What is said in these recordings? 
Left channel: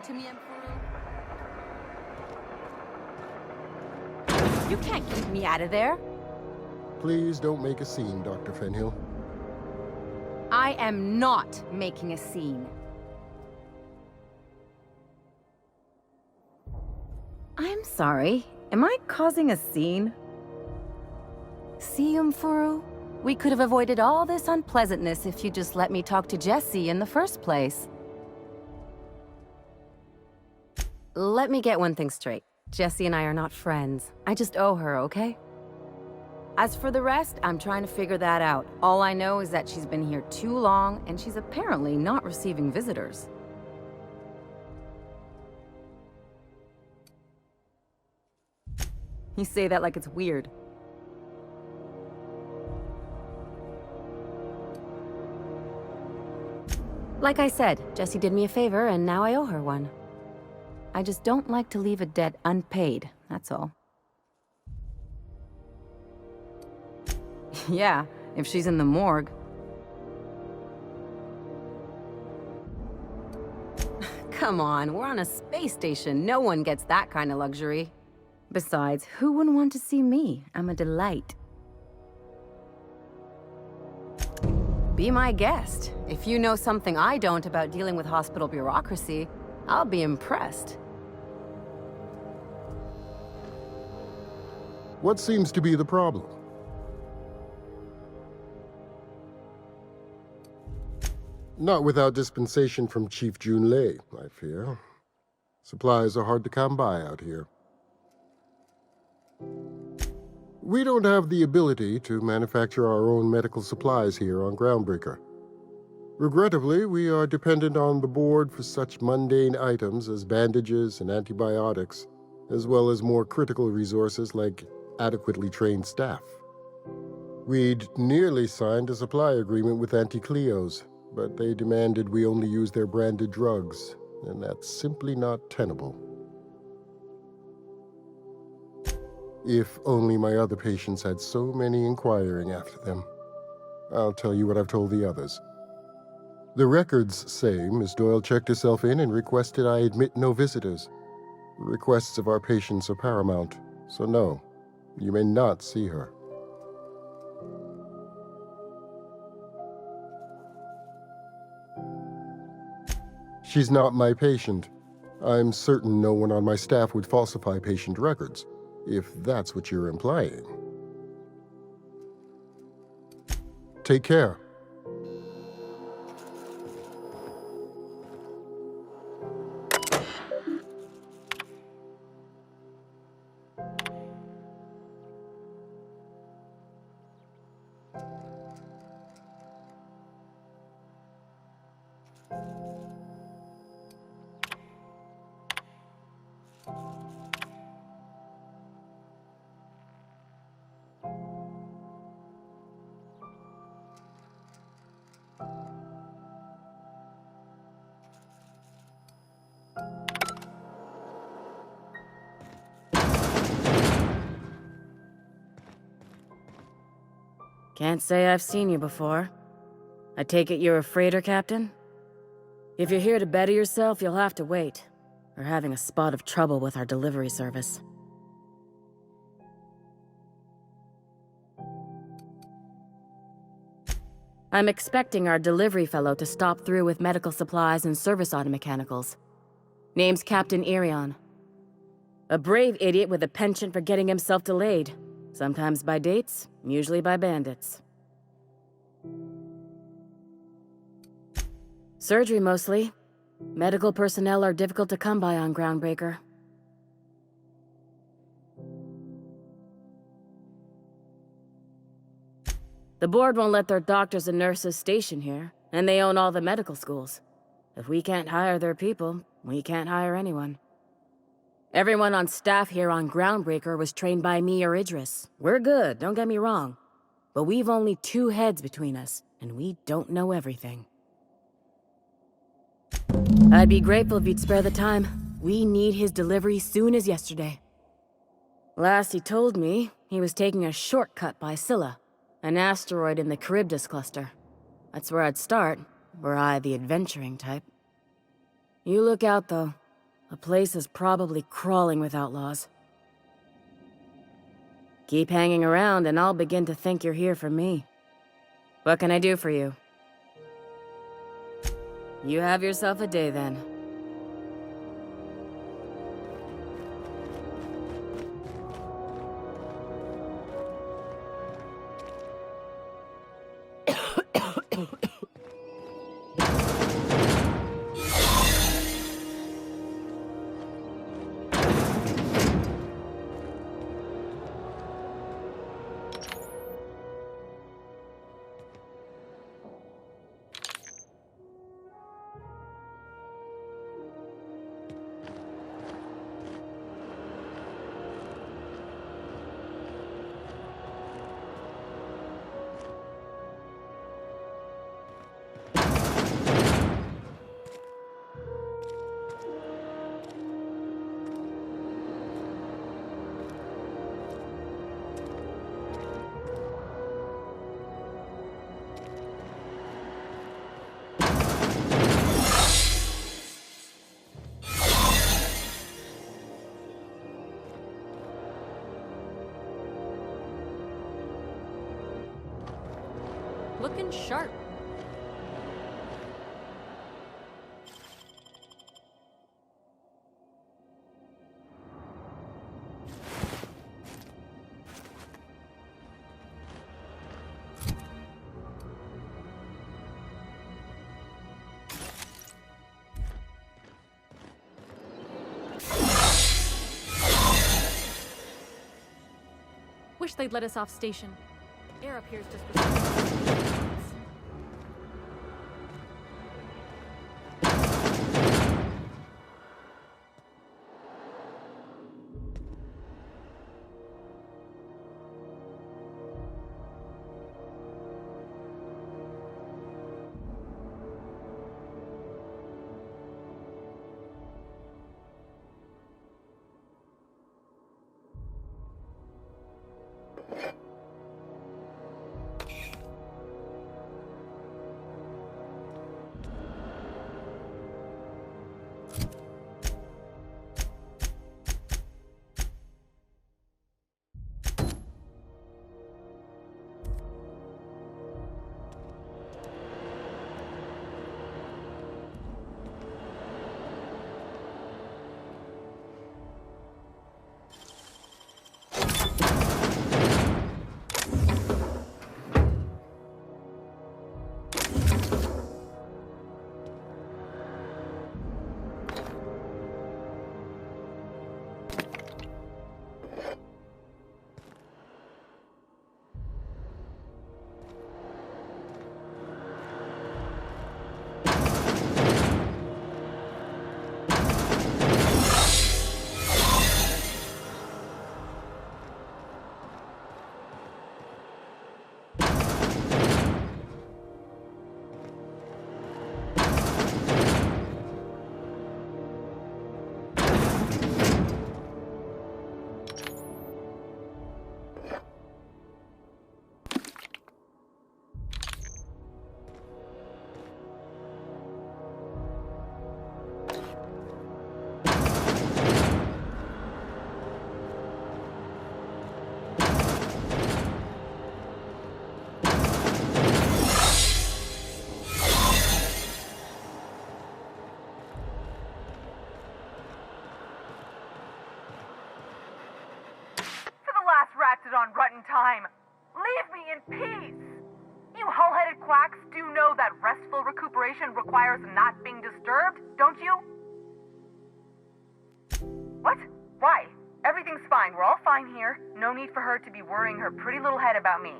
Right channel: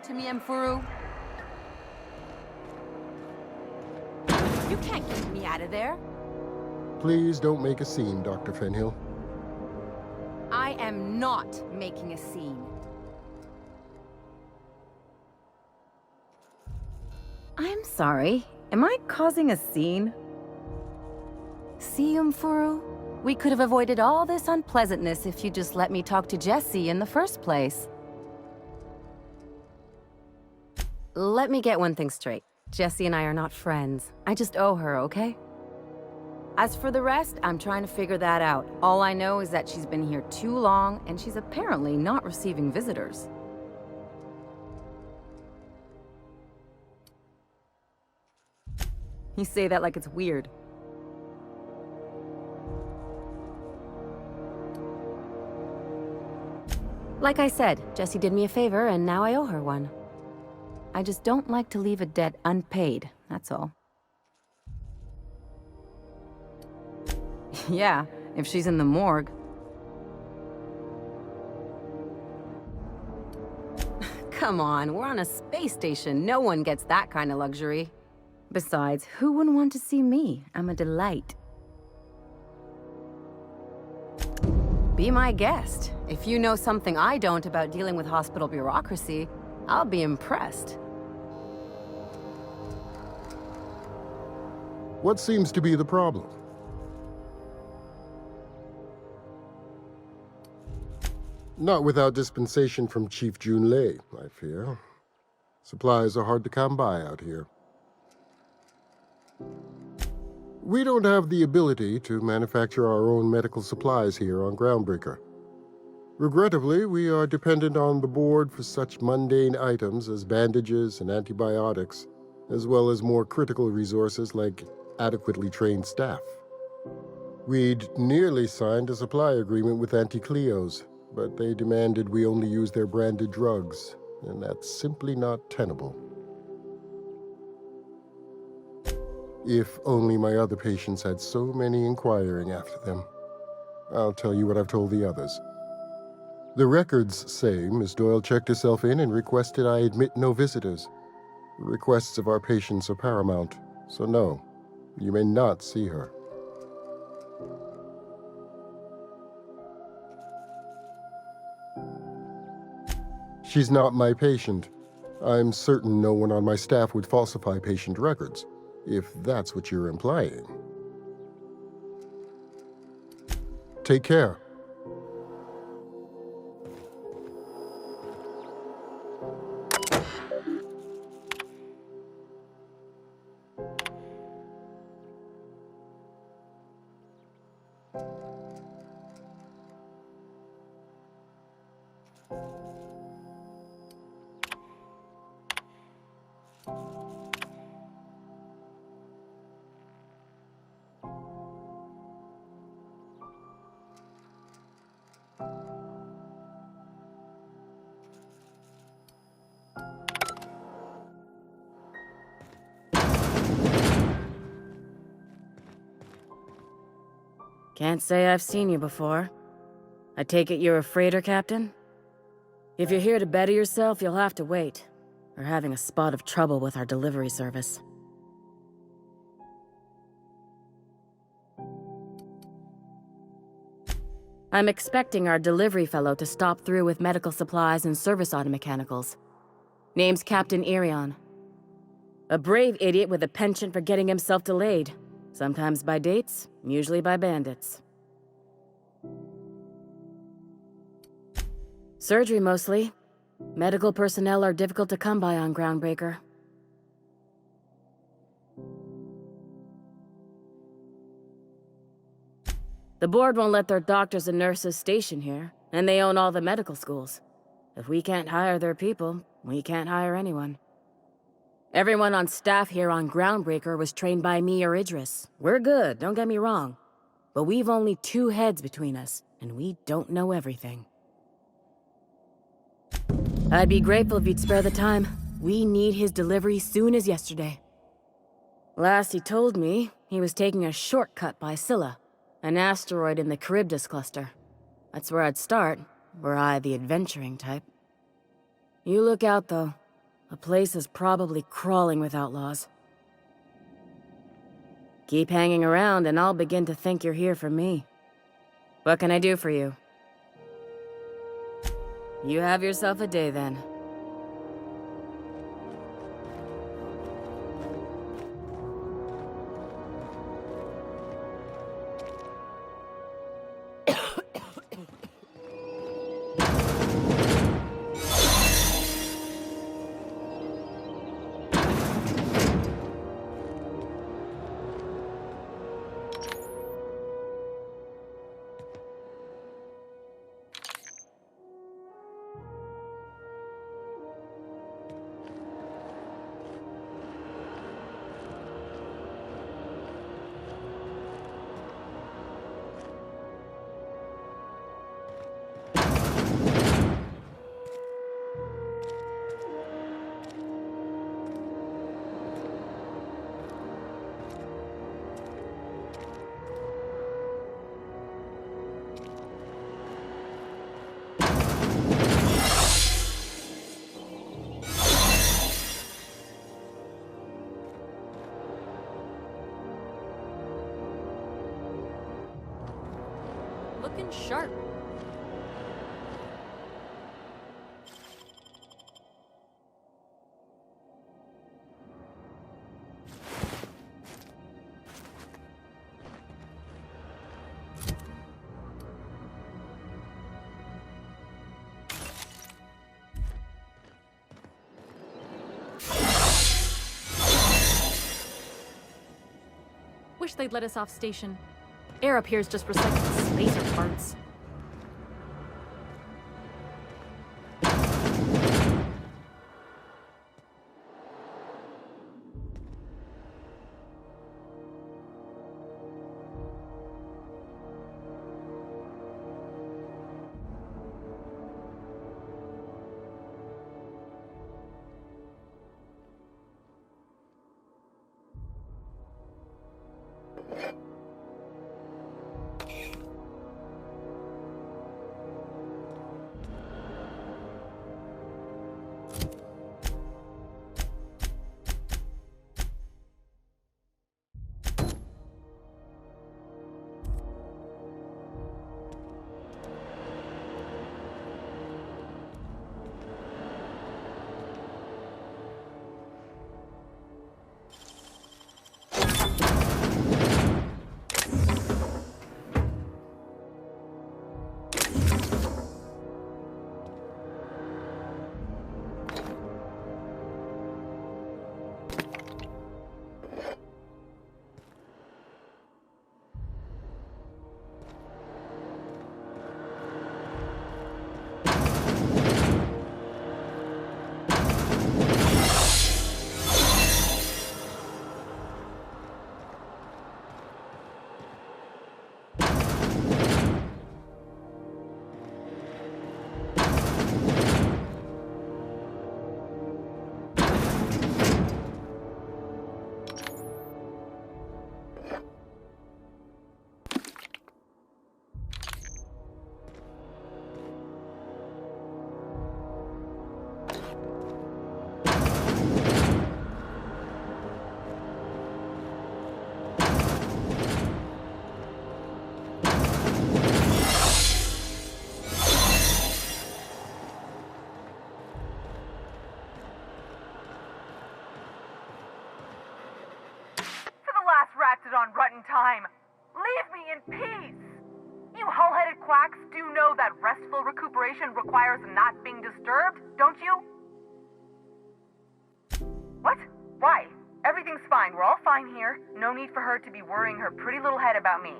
lying to me, Mfuru? You can't keep me out of there. Please don't make a scene, Dr. Fenhill. I am not making a scene. I'm sorry. Am I causing a scene? See, Mfuru? We could have avoided all this unpleasantness if you just let me talk to Jessie in the first place. Let me get one thing straight. Jessie and I are not friends. I just owe her, okay? As for the rest, I'm trying to figure that out. All I know is that she's been here too long, and she's apparently not receiving visitors. You say that like it's weird. Like I said, Jessie did me a favor, and now I owe her one. I just don't like to leave a debt unpaid, that's all. Yeah, if she's in the morgue. Come on, we're on a space station. No one gets that kind of luxury. Besides, who wouldn't want to see me? I'm a delight. Be my guest. If you know something I don't about dealing with hospital bureaucracy, I'll be impressed. What seems to be the problem? Not without dispensation from Chief Junlei, I fear. Supplies are hard to come by out here. We don't have the ability to manufacture our own medical supplies here on Groundbreaker. Regrettably, we are dependent on the board for such mundane items as bandages and antibiotics, as well as more critical resources like adequately trained staff. We'd nearly signed a supply agreement with Anti-Cleos, but they demanded we only use their branded drugs, and that's simply not tenable. If only my other patients had so many inquiring after them. I'll tell you what I've told the others. The records say Miss Doyle checked herself in and requested I admit no visitors. The requests of our patients are paramount, so no, you may not see her. She's not my patient. I'm certain no one on my staff would falsify patient records, if that's what you're implying. Take care. Can't say I've seen you before. I take it you're a freighter captain? If you're here to better yourself, you'll have to wait. We're having a spot of trouble with our delivery service. I'm expecting our delivery fellow to stop through with medical supplies and service auto mechanicals. Name's Captain Irion. A brave idiot with a penchant for getting himself delayed. Sometimes by dates, usually by bandits. Surgery mostly. Medical personnel are difficult to come by on Groundbreaker. The board won't let their doctors and nurses station here, and they own all the medical schools. If we can't hire their people, we can't hire anyone. Everyone on staff here on Groundbreaker was trained by me or Idris. We're good, don't get me wrong. But we've only 2 heads between us, and we don't know everything. I'd be grateful if you'd spare the time. We need his delivery soon as yesterday. Last he told me, he was taking a shortcut by Scylla, an asteroid in the Charybdis cluster. That's where I'd start, were I the adventuring type. You look out, though. A place is probably crawling with outlaws. Keep hanging around and I'll begin to think you're here for me. What can I do for you? You have yourself a day then. Looking sharp. Wish they'd let us off station. Air up here is just recycling space parts. On rotten time. Leave me in peace. You hull-headed quacks do know that restful recuperation requires not being disturbed, don't you? What? Why? Everything's fine. We're all fine here. No need for her to be worrying her pretty little head about me.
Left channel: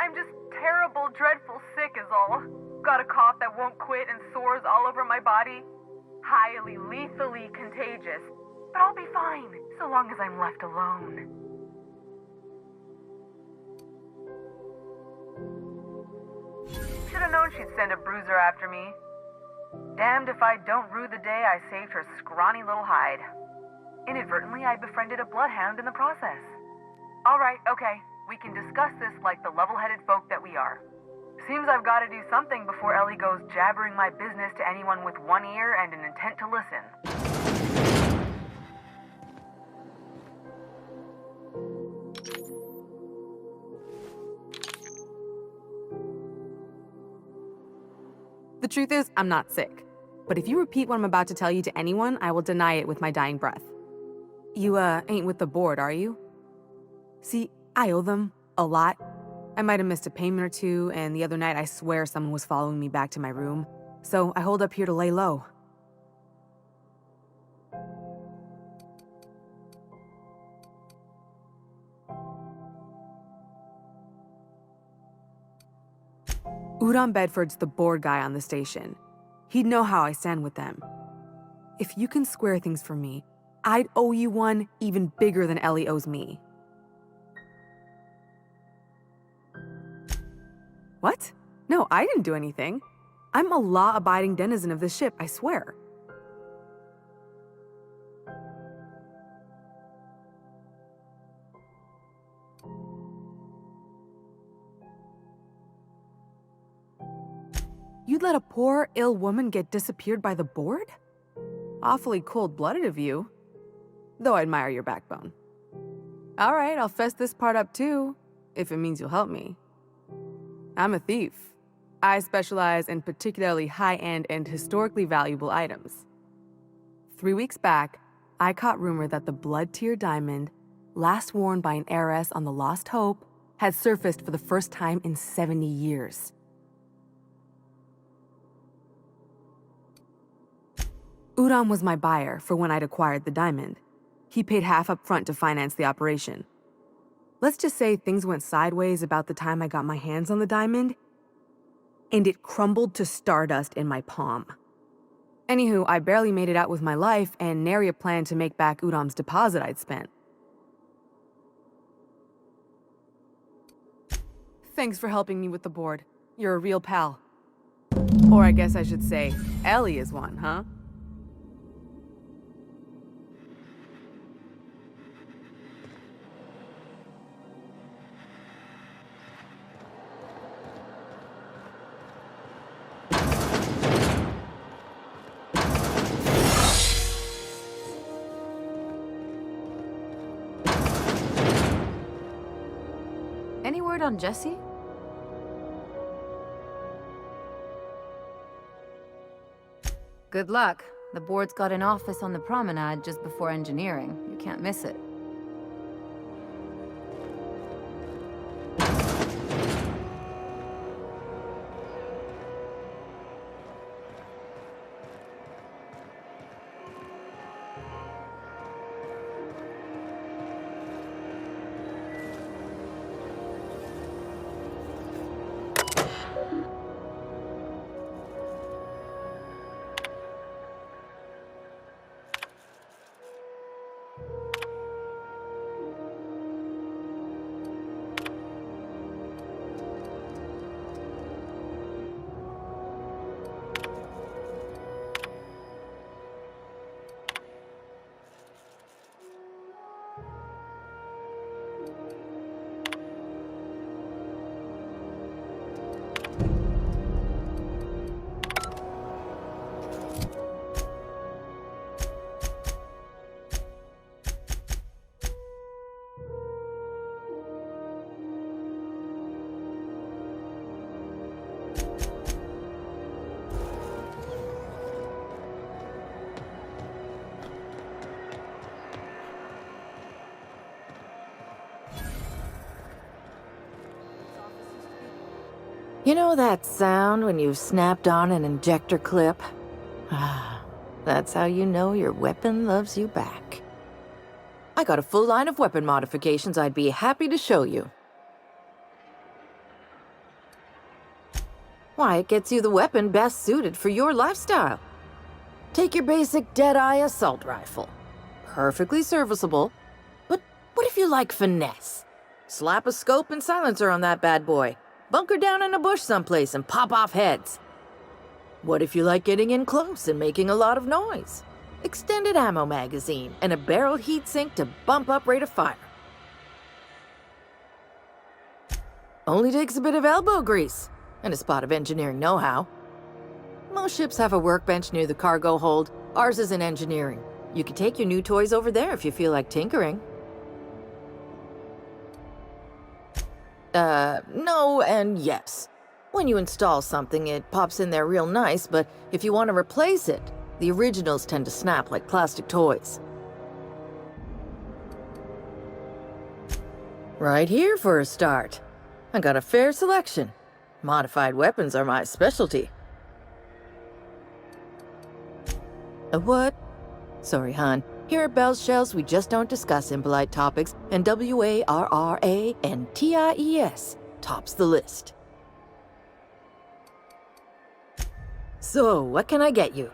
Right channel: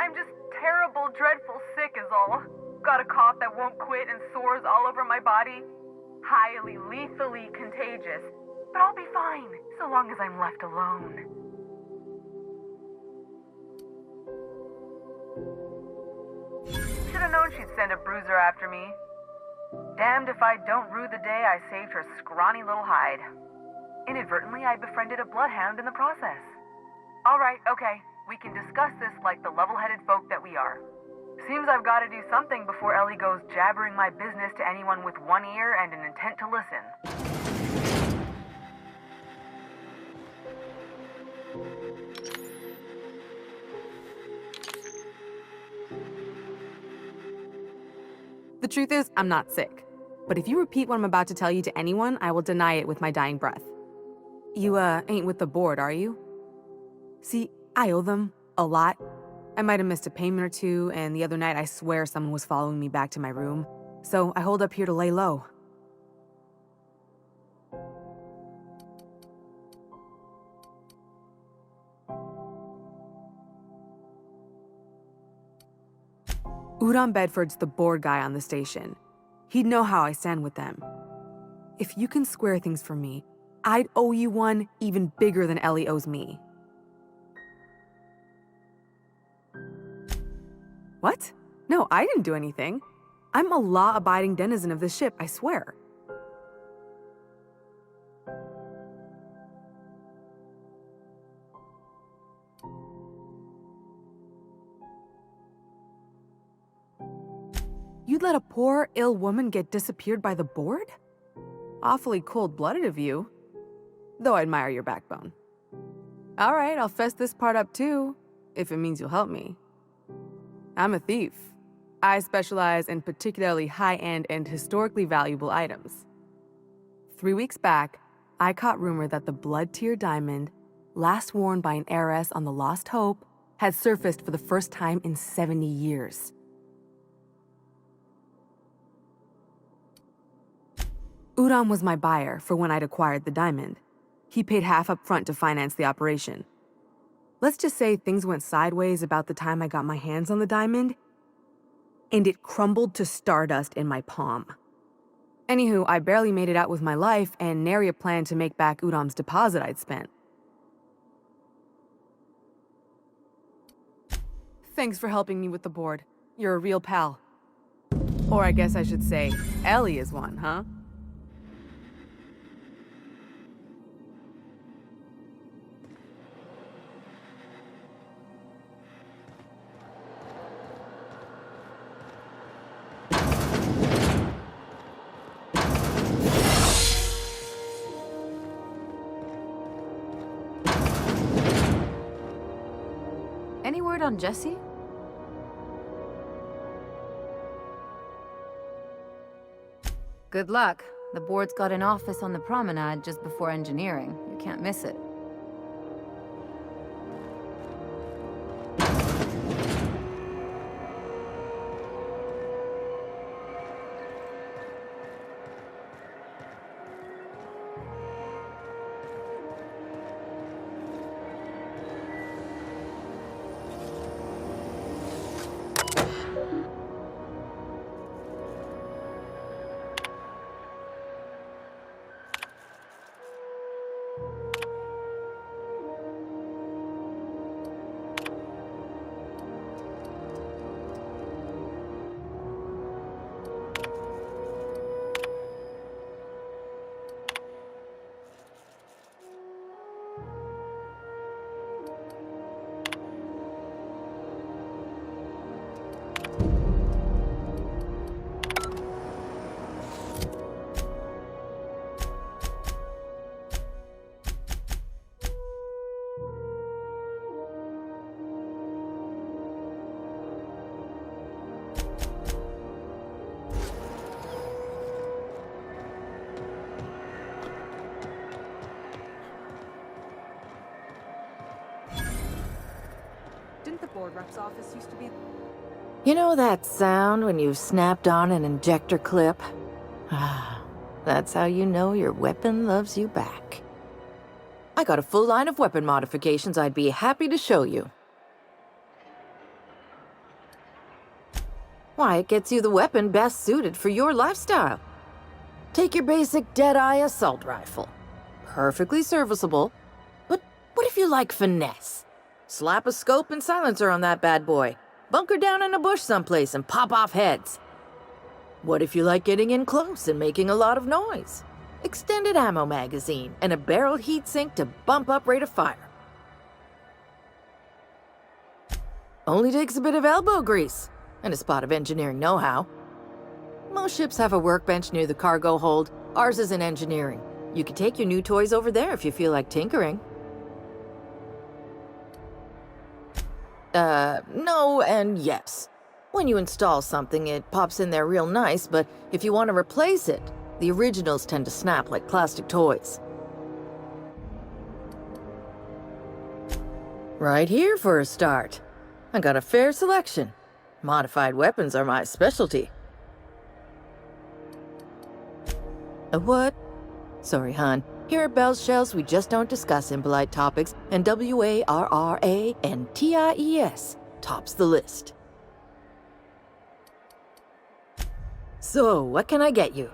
I'm just terrible, dreadful sick is all. Got a cough that won't quit and sores all over my body. Highly, lethally contagious. But I'll be fine, so long as I'm left alone. Should've known she'd send a bruiser after me. Damned if I don't rue the day I saved her scrawny little hide. Inadvertently, I befriended a bloodhound in the process. Alright, okay, we can discuss this like the level-headed folk that we are. Seems I've got to do something before Ellie goes jabbering my business to anyone with one ear and an intent to listen. The truth is, I'm not sick. But if you repeat what I'm about to tell you to anyone, I will deny it with my dying breath. You, ain't with the board, are you? See, I owe them a lot. I might have missed a payment or two, and the other night I swear someone was following me back to my room. So I hold up here to lay low. Udon Bedford's the board guy on the station. He'd know how I stand with them. If you can square things for me, I'd owe you one even bigger than Ellie owes me. What? No, I didn't do anything. I'm a law-abiding denizen of this ship, I swear. You'd let a poor, ill woman get disappeared by the board? Awfully cold-blooded of you. Though I admire your backbone. All right, I'll fess this part up too, if it means you'll help me. I'm a thief. I specialize in particularly high-end and historically valuable items. 3 weeks back, I caught rumor that the blood-tier diamond, last worn by an heiress on the Lost Hope, had surfaced for the first time in 70 years. Udon was my buyer for when I'd acquired the diamond. He paid half up front to finance the operation. Let's just say things went sideways about the time I got my hands on the diamond, and it crumbled to stardust in my palm. Anywho, I barely made it out with my life, and nary a plan to make back Udom's deposit I'd spent. Thanks for helping me with the board. You're a real pal. Or I guess I should say, Ellie is one, huh? Any word on Jesse? Good luck. The board's got an office on the promenade just before engineering. You can't miss it. You know that sound when you've snapped on an injector clip? That's how you know your weapon loves you back. I got a full line of weapon modifications I'd be happy to show you. Why, it gets you the weapon best suited for your lifestyle. Take your basic Deadeye assault rifle. Perfectly serviceable. But what if you like finesse? Slap a scope and silencer on that bad boy. Bunker down in a bush someplace and pop off heads. What if you like getting in close and making a lot of noise? Extended ammo magazine and a barrel heatsink to bump up rate of fire. Only takes a bit of elbow grease and a spot of engineering know-how. Most ships have a workbench near the cargo hold. Ours is in engineering. You can take your new toys over there if you feel like tinkering. No and yes. When you install something, it pops in there real nice, but if you want to replace it, the originals tend to snap like plastic toys. Right here for a start. I got a fair selection. Modified weapons are my specialty. A what? Sorry, hon. Here at Bell's Shells, we just don't discuss impolite topics, and WARRANTIES tops the list. So, what can I get you?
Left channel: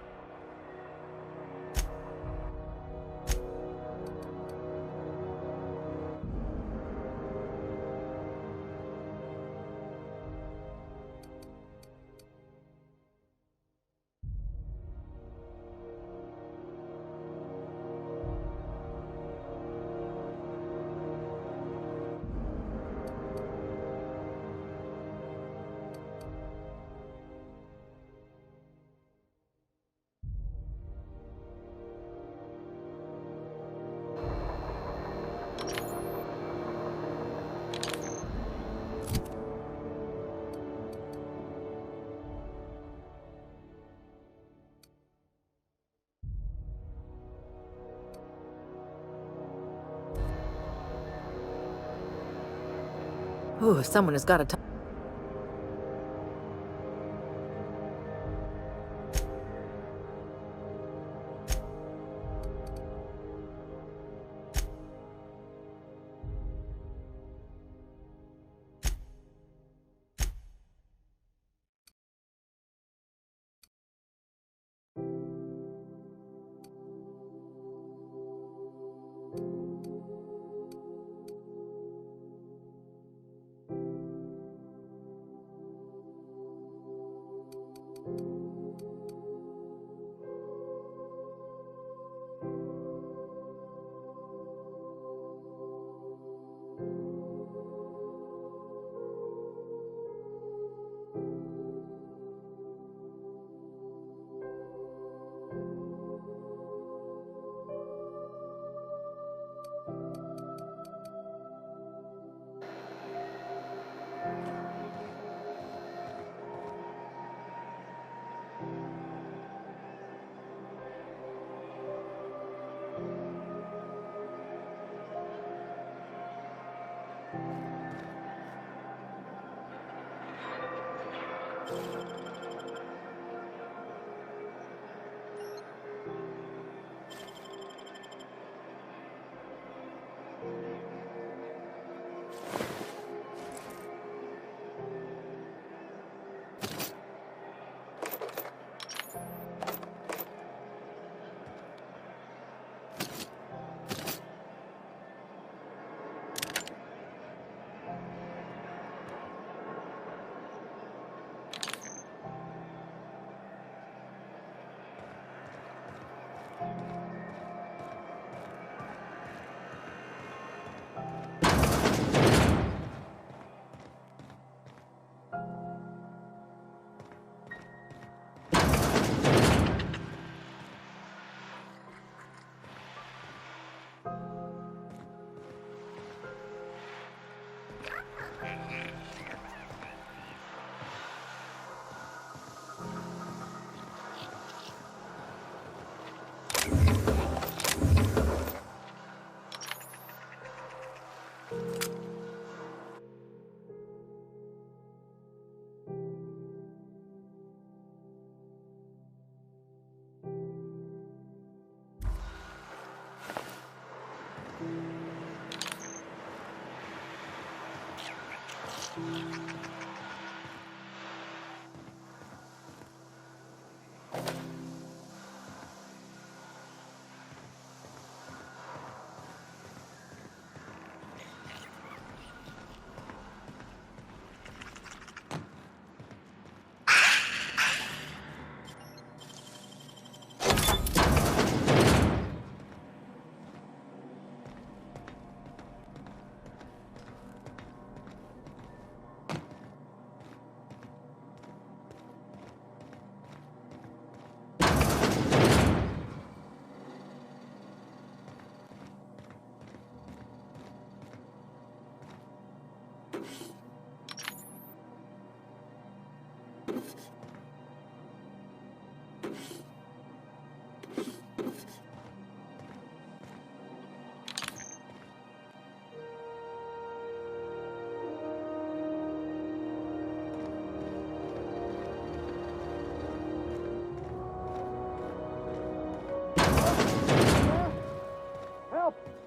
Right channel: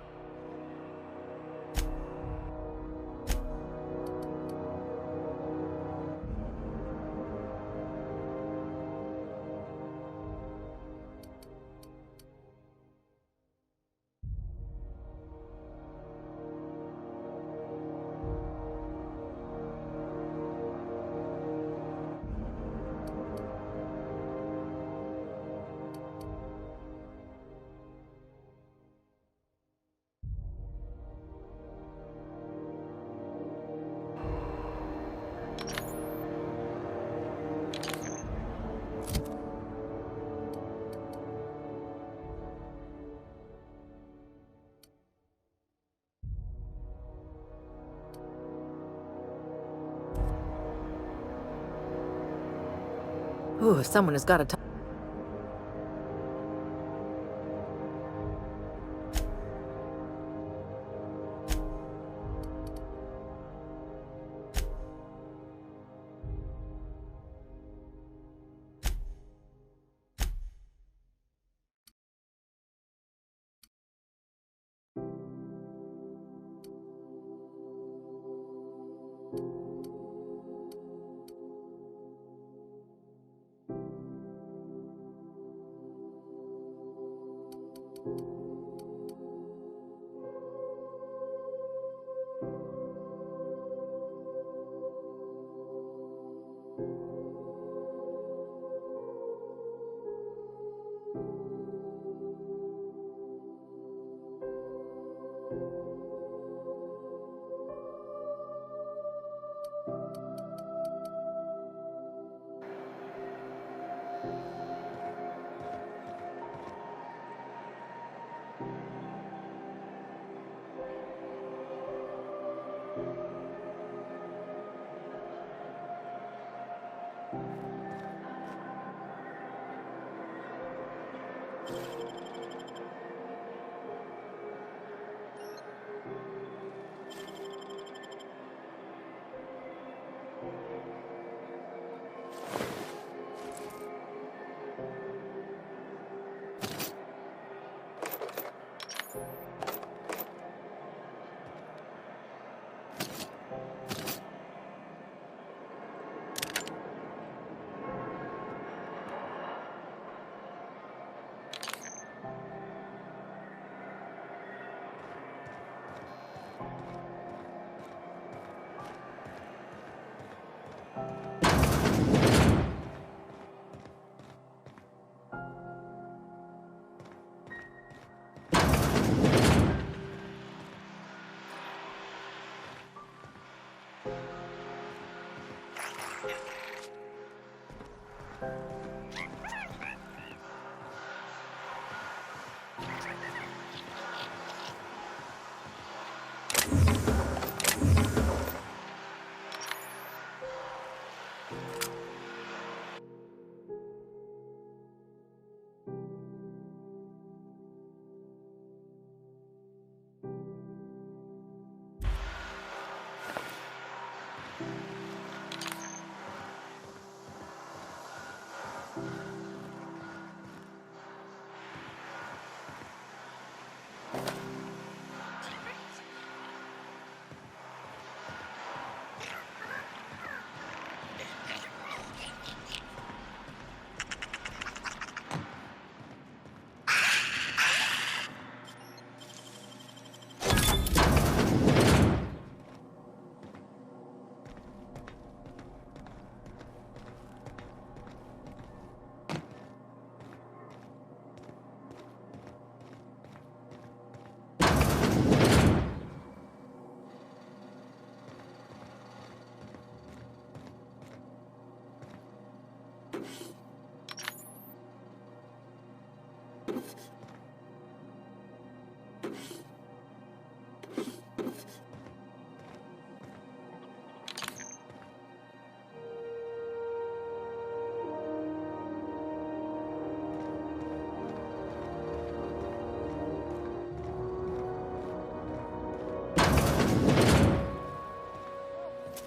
Ooh, someone has got to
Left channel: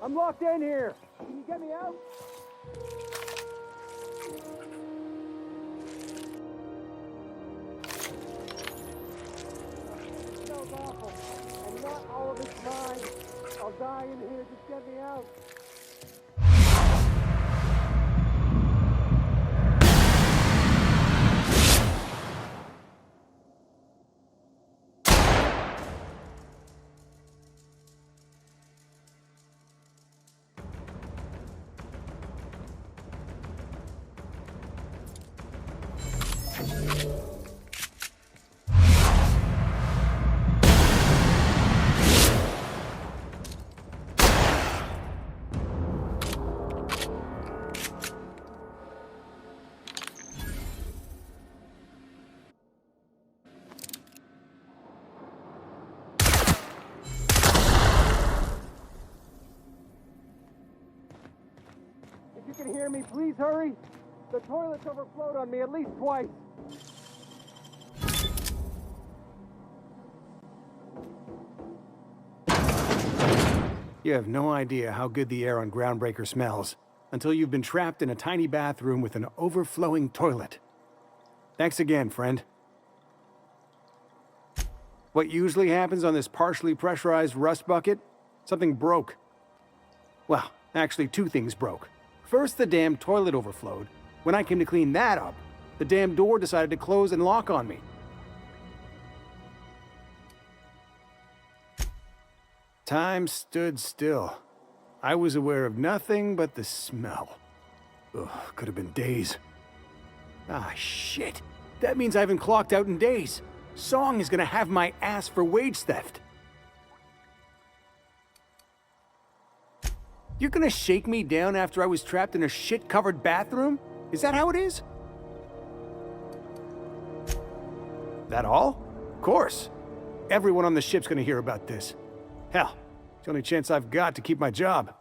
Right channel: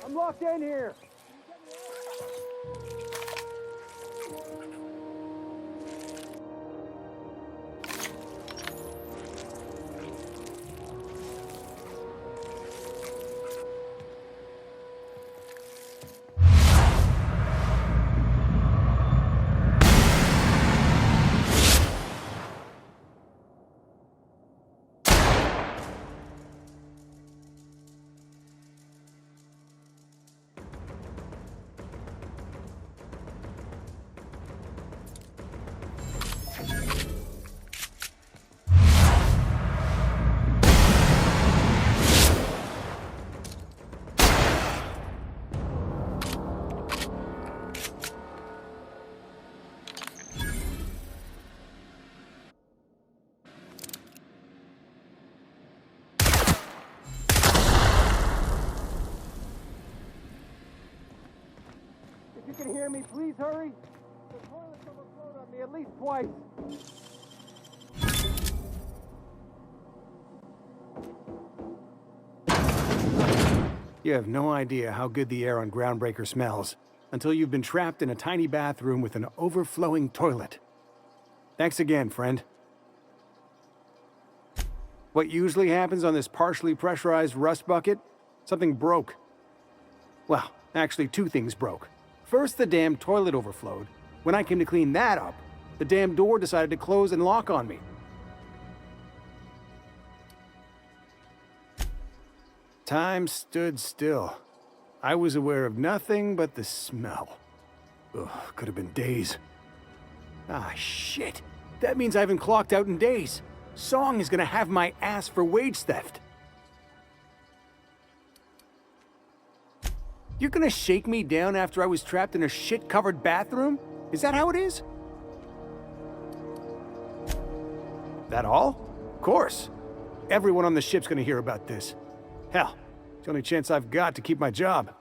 I'm locked in here. Can you get me out? Sounds awful. I want all of it's mine. I'll die in here. Just get me out. If you can hear me, please hurry. The toilet's overflowed on me at least twice. You have no idea how good the air on Groundbreaker smells until you've been trapped in a tiny bathroom with an overflowing toilet. Thanks again, friend. What usually happens on this partially pressurized rust bucket? Something broke. Well, actually 2 things broke. First, the damn toilet overflowed. When I came to clean that up, the damn door decided to close and lock on me. Time stood still. I was aware of nothing but the smell. Ugh, could have been days. Ah, shit. That means I haven't clocked out in days. Song is gonna have my ass for wage theft. You're gonna shake me down after I was trapped in a shit-covered bathroom? Is that how it is? That all? Of course. Everyone on the ship's gonna hear about this. Hell, it's the only chance I've got to keep my job.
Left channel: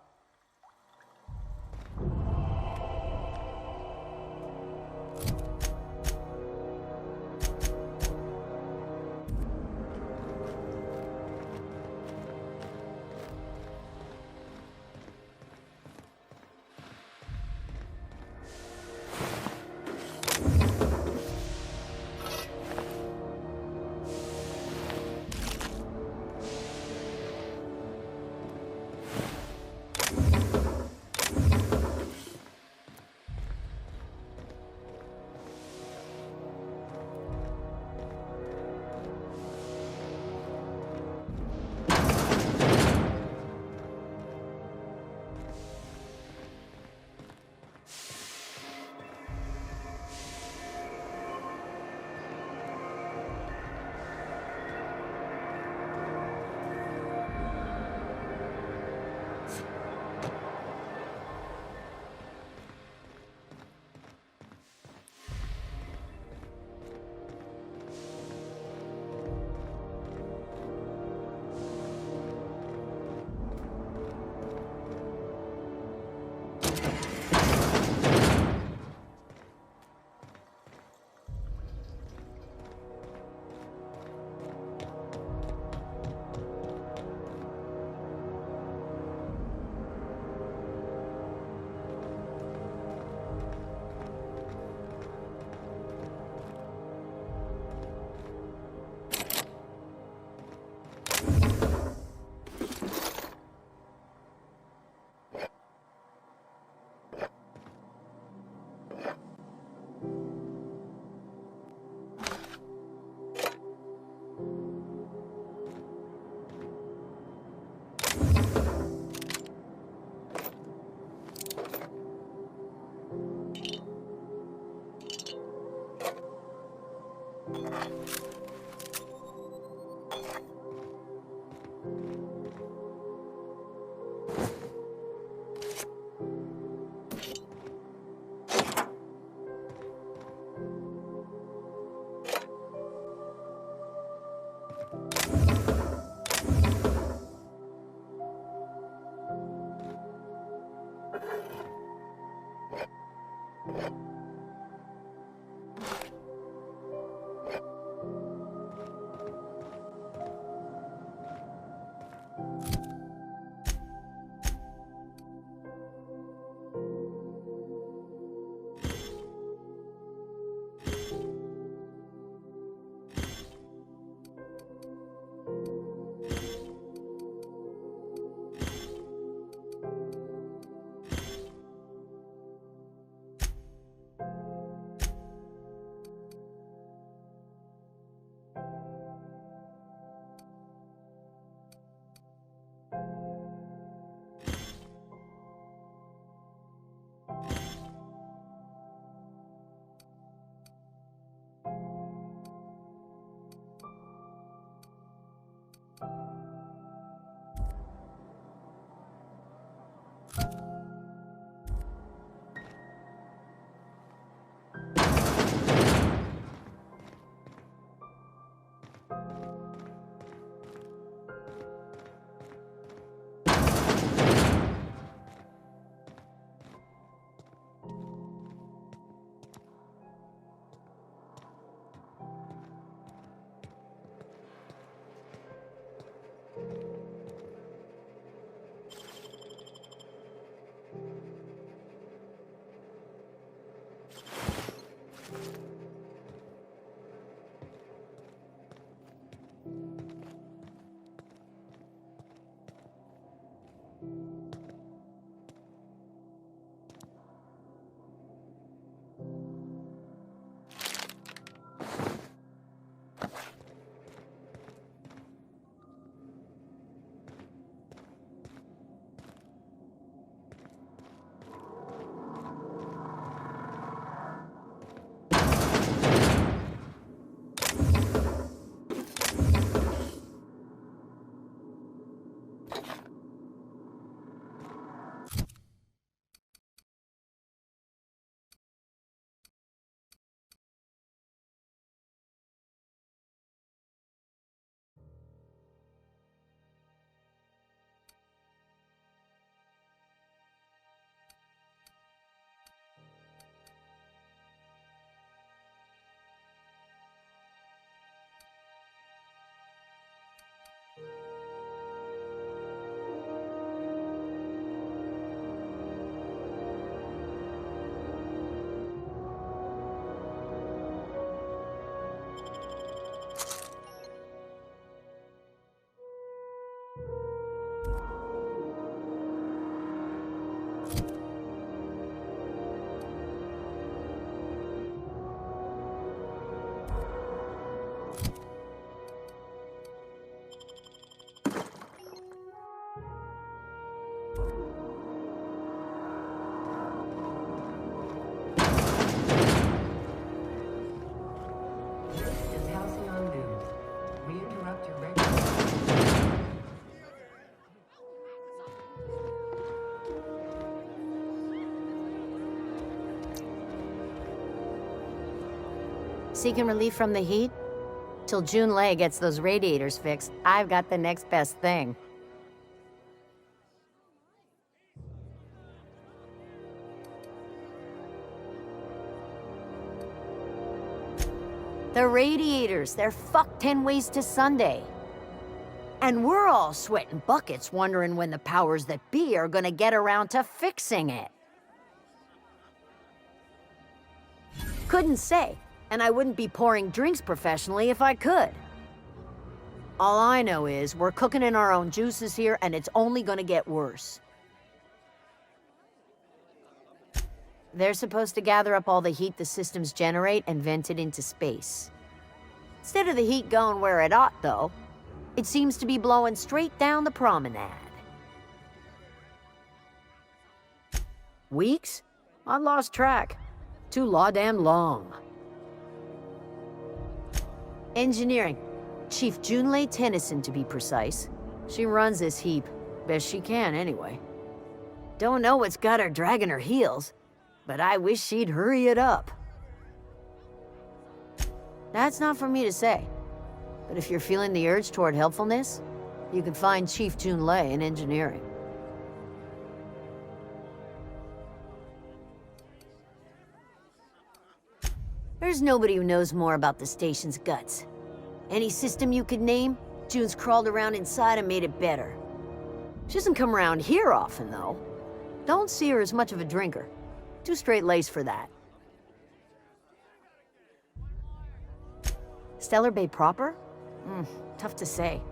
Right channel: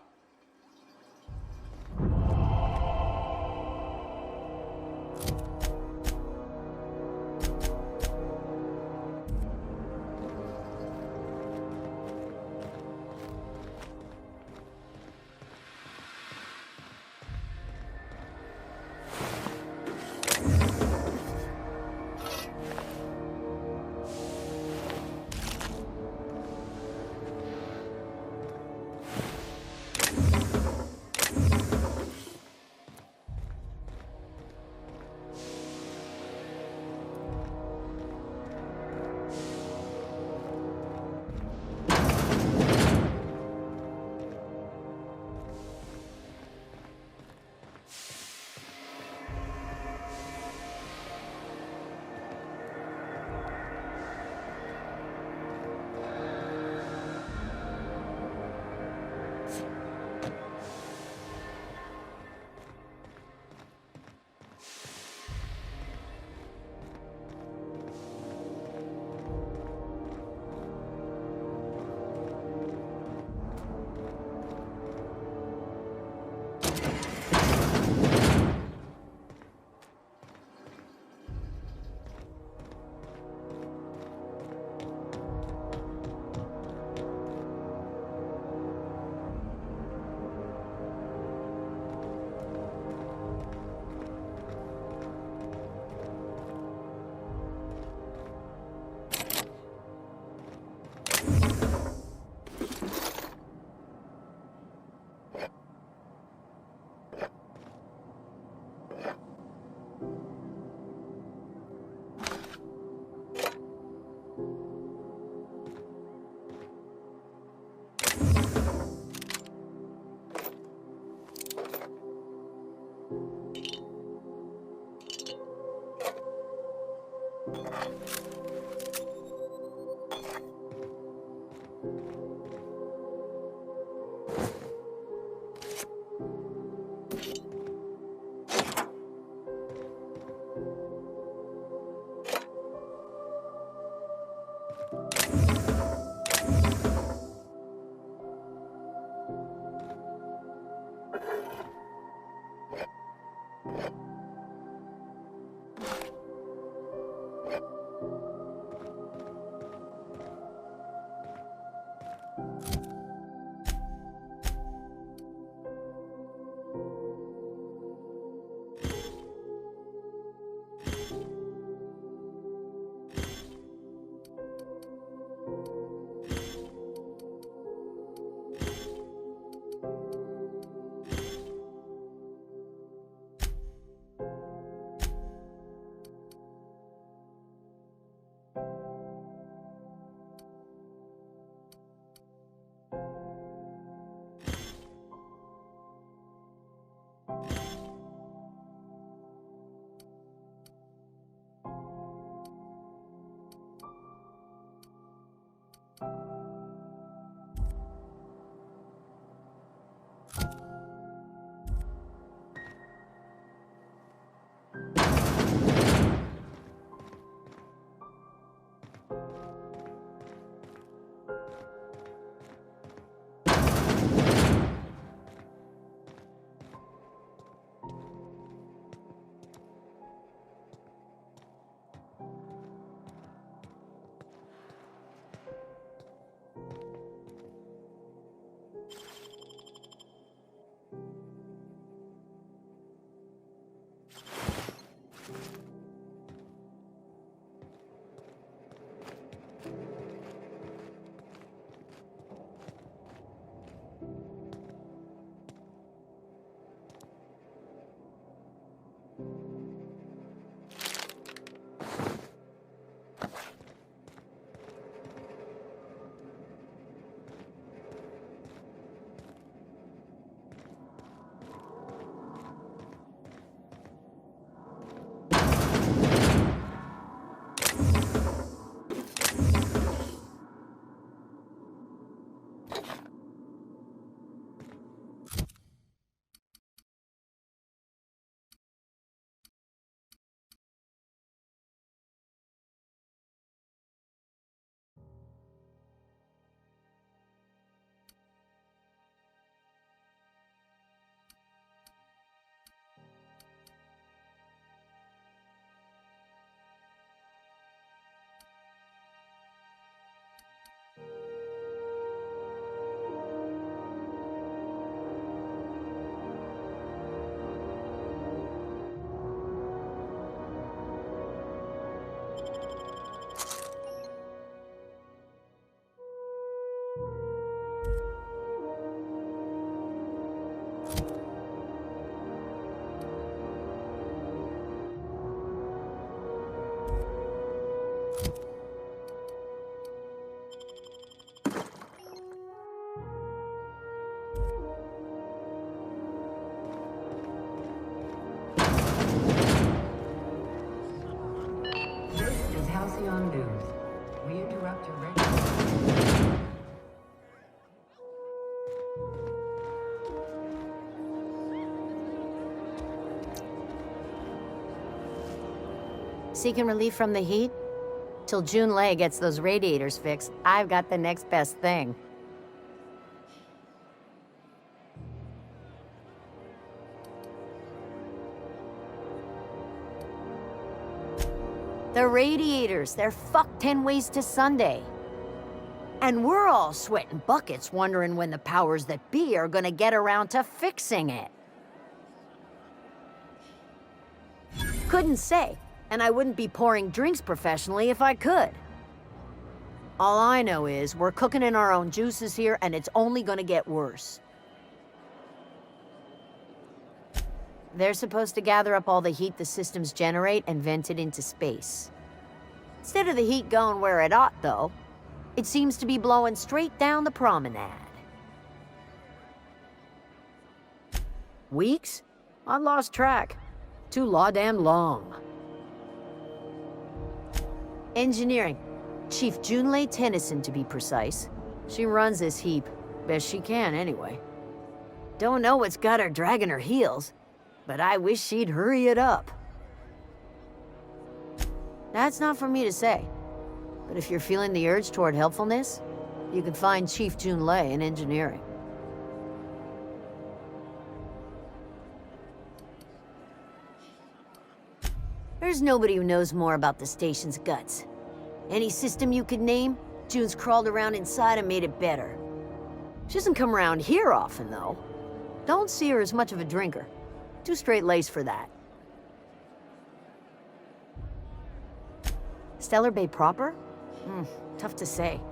Seeking relief from the heat? Till June Lay gets those radiators fixed, I've got the next best thing. The radiators, they're fucked 10 ways to Sunday. And we're all sweating buckets wondering when the powers that be are gonna get around to fixing it. Couldn't say, and I wouldn't be pouring drinks professionally if I could. All I know is we're cooking in our own juices here, and it's only gonna get worse. They're supposed to gather up all the heat the systems generate and vent it into space. Instead of the heat going where it ought, though, it seems to be blowing straight down the promenade. Weeks? I lost track. Too law-damn long. Engineering. Chief Junlei Tennyson, to be precise. She runs this heap. Best she can, anyway. Don't know what's got her dragging her heels, but I wish she'd hurry it up. That's not for me to say. But if you're feeling the urge toward helpfulness, you can find Chief Jun Lei in engineering. There's nobody who knows more about the station's guts. Any system you could name, June's crawled around inside and made it better. She doesn't come around here often, though. Don't see her as much of a drinker. Too straight-laced for that. Stellar Bay proper? Tough to say.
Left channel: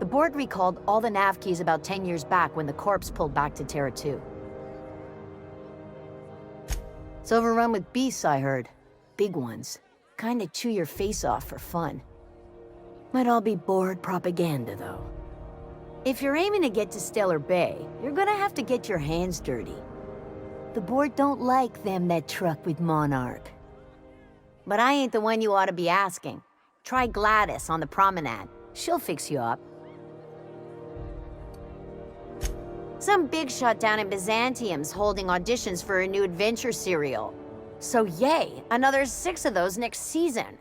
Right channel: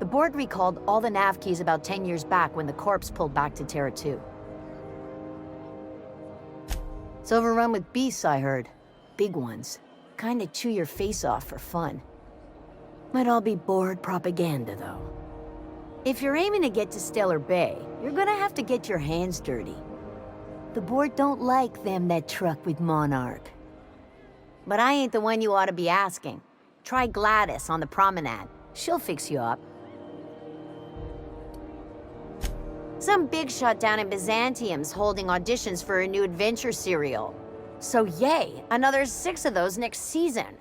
The board recalled all the nav keys about 10 years back when the Corps pulled back to Terra 2. It's overrun with beasts, I heard. Big ones. Kinda chew your face off for fun. Might all be board propaganda, though. If you're aiming to get to Stellar Bay, you're gonna have to get your hands dirty. The board don't like them that truck with Monarch. But I ain't the one you ought to be asking. Try Gladys on the promenade. She'll fix you up. Some big shot down in Byzantium's holding auditions for a new adventure serial. So yay, another 6 of those next season.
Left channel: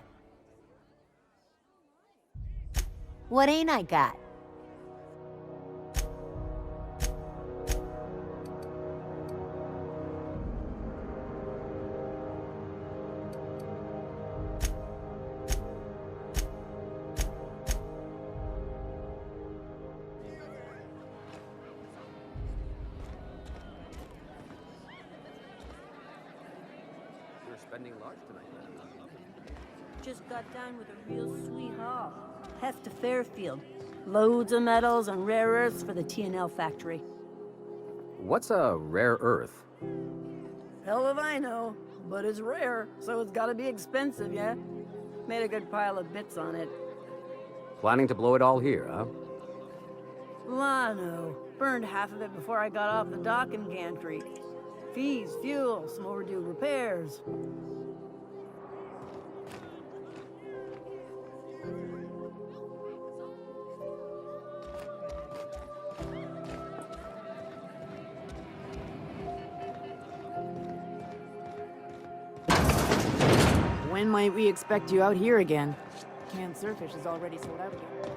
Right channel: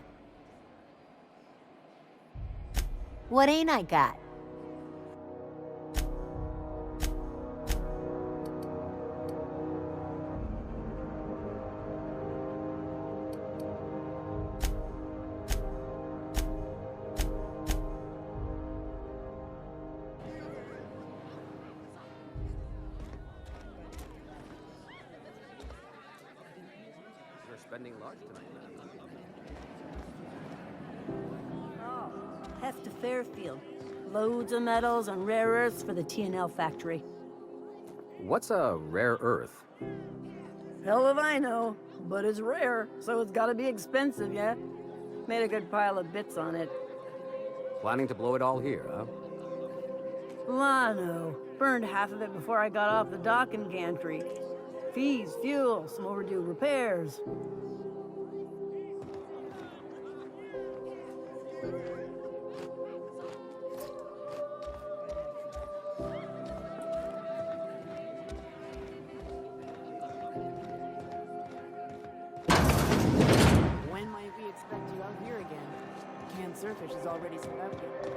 What ain't I got? You're spending large tonight, man. Just got done with a real sweet haul. Heft to Fairfield. Loads of metals and rare earths for the T&L factory. What's a rare earth? Hell if I know, but it's rare, so it's gotta be expensive, yeah? Made a good pile of bits on it. Planning to blow it all here, huh? Lano. Burned half of it before I got off the dock in gantry. Fees, fuel, some overdue repairs. When might we expect you out here again? Canned surfish is already sold out again.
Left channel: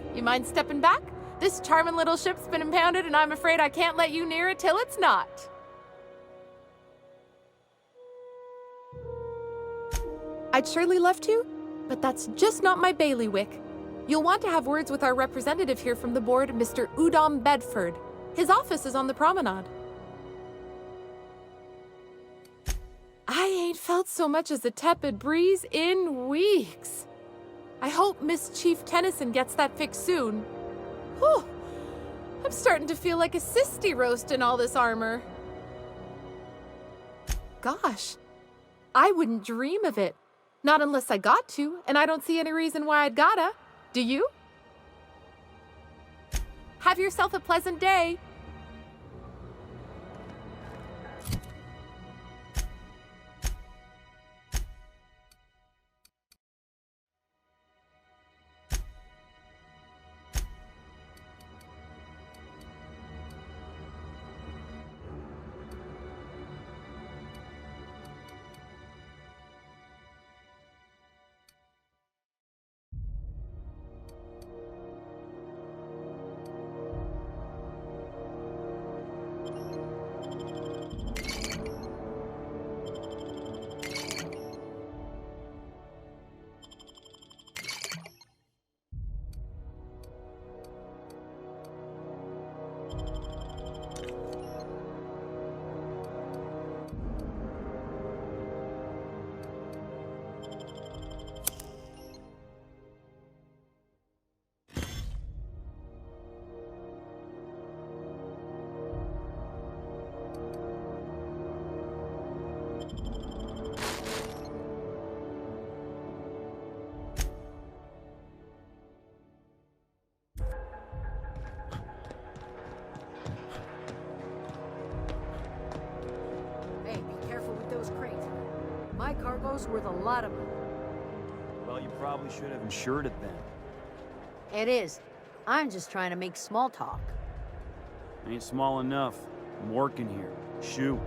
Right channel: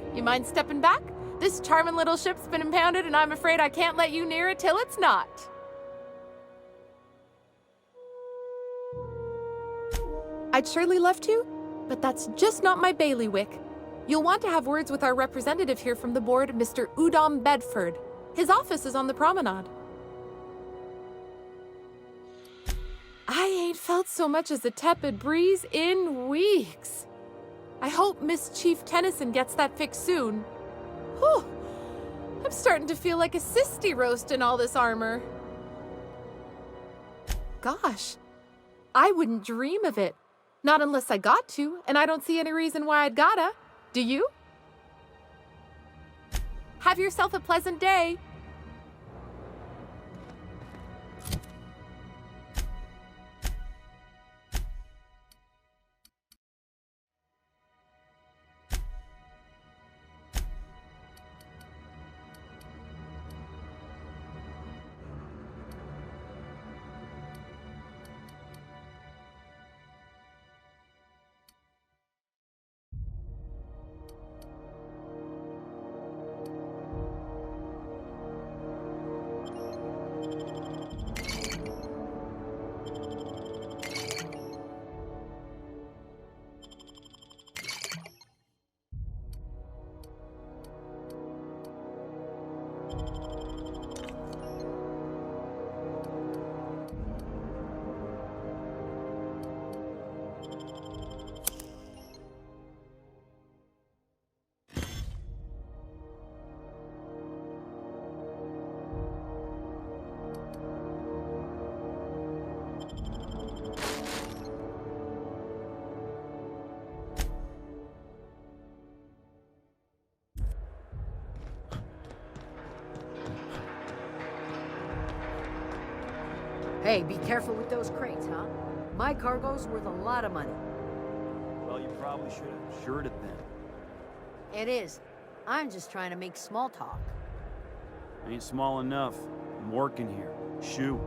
there? You mind stepping back? This charming little ship's been impounded, and I'm afraid I can't let you near it till it's not. I'd surely love to, but that's just not my bailiwick. You'll want to have words with our representative here from the board, Mr. Udom Bedford. His office is on the promenade. I ain't felt so much as a tepid breeze in weeks. I hope Miss Chief Tennyson gets that fixed soon. Whew. I'm starting to feel like a sisty roast in all this armor. Gosh, I wouldn't dream of it. Not unless I got to, and I don't see any reason why I'd gotta. Do you? Have yourself a pleasant day. Hey, be careful with those crates, huh? My cargo's worth a lot of money. Well, you probably should have insured it then. It is. I'm just trying to make small talk. Ain't small enough. I'm working here. Shoo.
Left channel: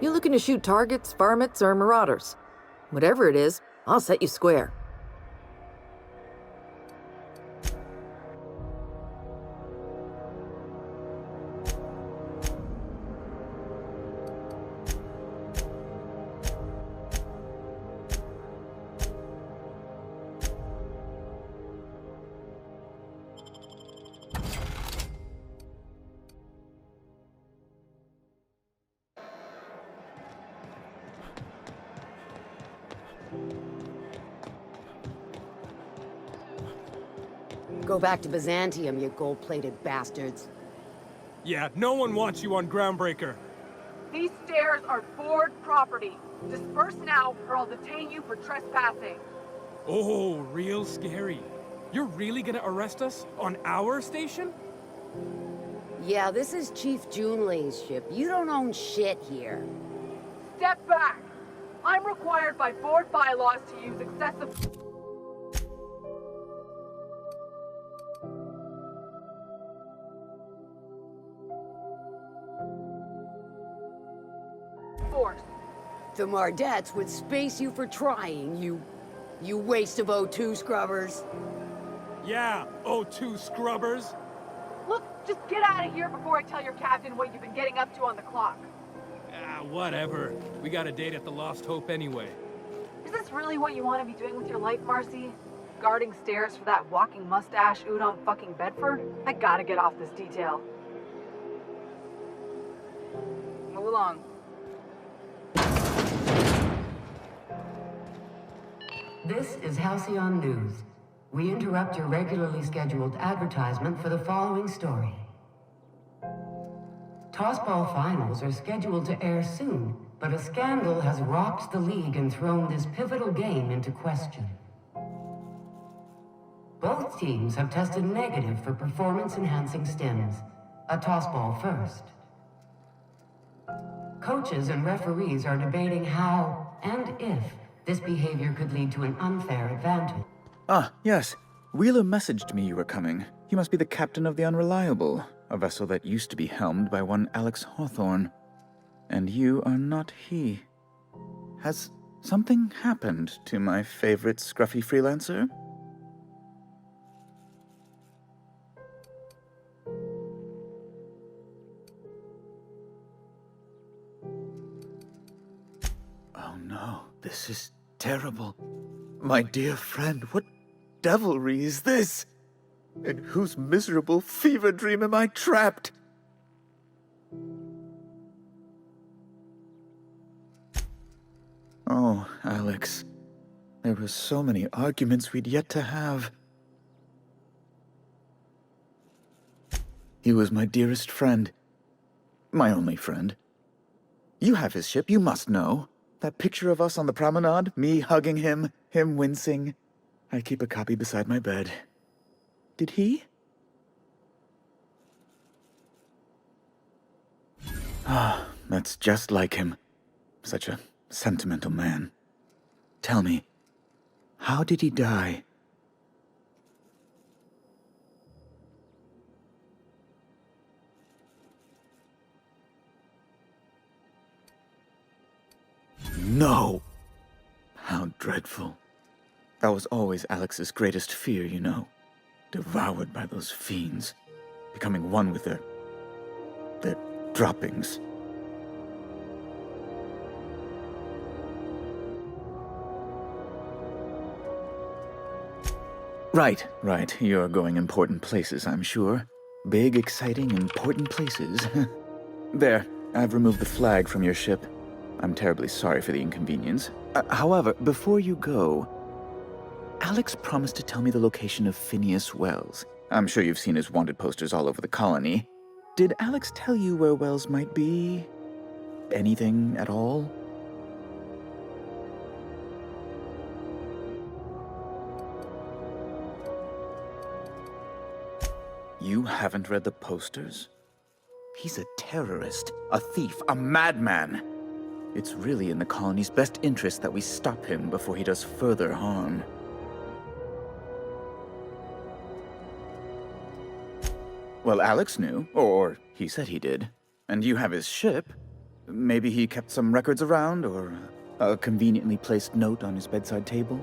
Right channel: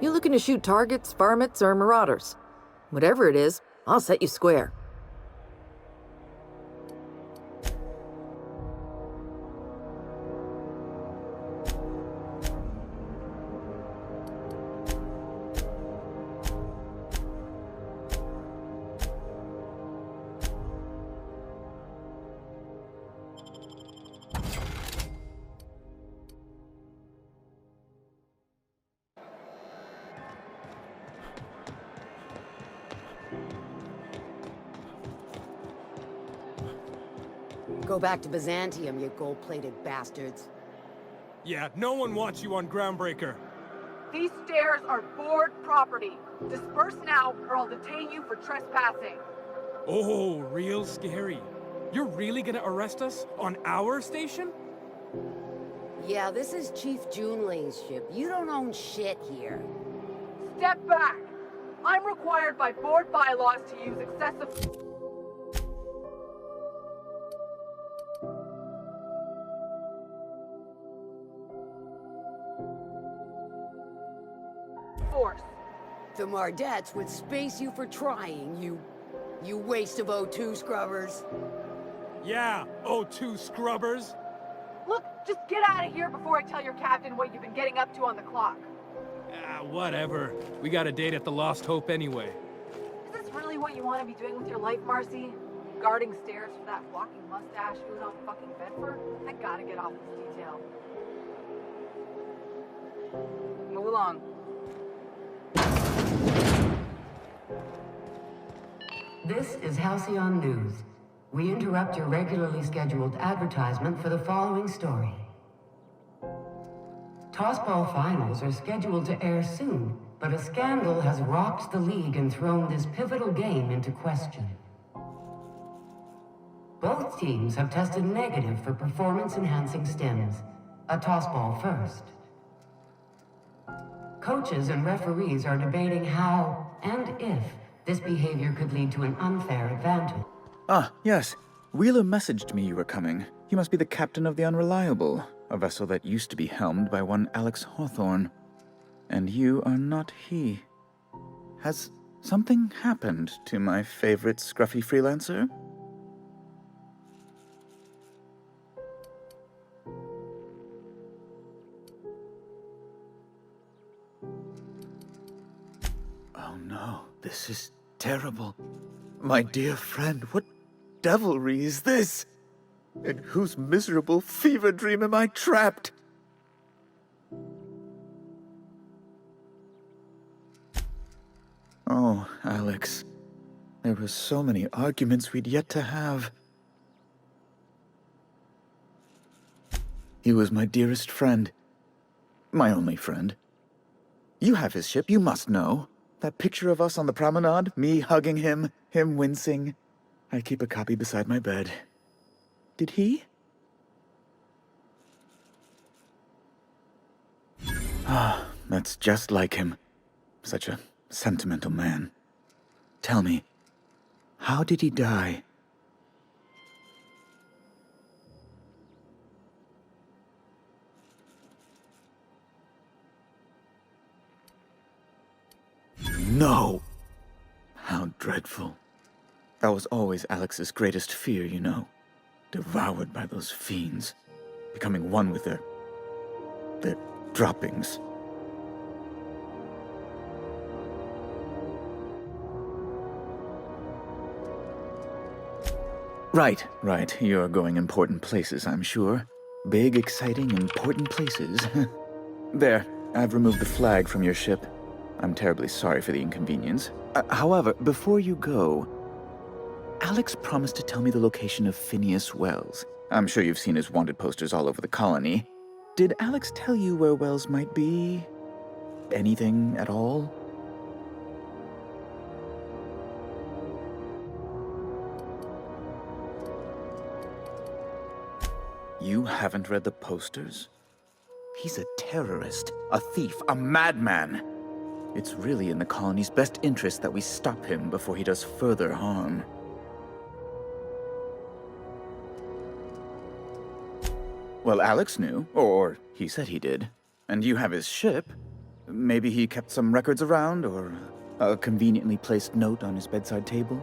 You looking to shoot targets, varmints, or marauders? Whatever it is, I'll set you square. Go back to Byzantium, you gold-plated bastards. Yeah, no one wants you on Groundbreaker. These stairs are board property. Disperse now, or I'll detain you for trespassing. Oh, real scary. You're really gonna arrest us on our station? Yeah, this is Chief Junlei's ship. You don't own shit here. Step back. I'm required by board bylaws to use excessive force. The Mardettes would space you for trying, you waste of O2 scrubbers. Yeah, O2 scrubbers. Look, just get out of here before I tell your captain what you've been getting up to on the clock. Ah, whatever. We got a date at the Lost Hope anyway. Is this really what you want to be doing with your life, Marcy? Guarding stairs for that walking mustache Udom fucking Bedford? I gotta get off this detail. Move along. This is Halcyon News. We interrupt your regularly scheduled advertisement for the following story. Tossball finals are scheduled to air soon, but a scandal has rocked the league and thrown this pivotal game into question. Both teams have tested negative for performance-enhancing stims. A tossball first. Coaches and referees are debating how and if this behavior could lead to an unfair advantage. Ah, yes. Wheeler messaged me you were coming. You must be the captain of the Unreliable, a vessel that used to be helmed by one Alex Hawthorne. And you are not he. Has something happened to my favorite scruffy freelancer? Oh no, this is terrible. My dear friend, what devilry is this? In whose miserable fever dream am I trapped? Oh, Alex. There were so many arguments we'd yet to have. He was my dearest friend. My only friend. You have his ship, you must know. That picture of us on the promenade, me hugging him, him wincing. I keep a copy beside my bed. Did he? Ah, that's just like him. Such a sentimental man. Tell me, how did he die? No! How dreadful. That was always Alex's greatest fear, you know. Devoured by those fiends. Becoming one with their droppings. Right. You're going important places, I'm sure. Big, exciting, important places. There, I've removed the flag from your ship. I'm terribly sorry for the inconvenience. However, before you go, Alex promised to tell me the location of Phineas Wells. I'm sure you've seen his wanted posters all over the colony. Did Alex tell you where Wells might be? Anything at all? You haven't read the posters? He's a terrorist, a thief, a madman. It's really in the colony's best interest that we stop him before he does further harm. Well, Alex knew, or he said he did. And you have his ship. Maybe he kept some records around, or a conveniently placed note on his bedside table.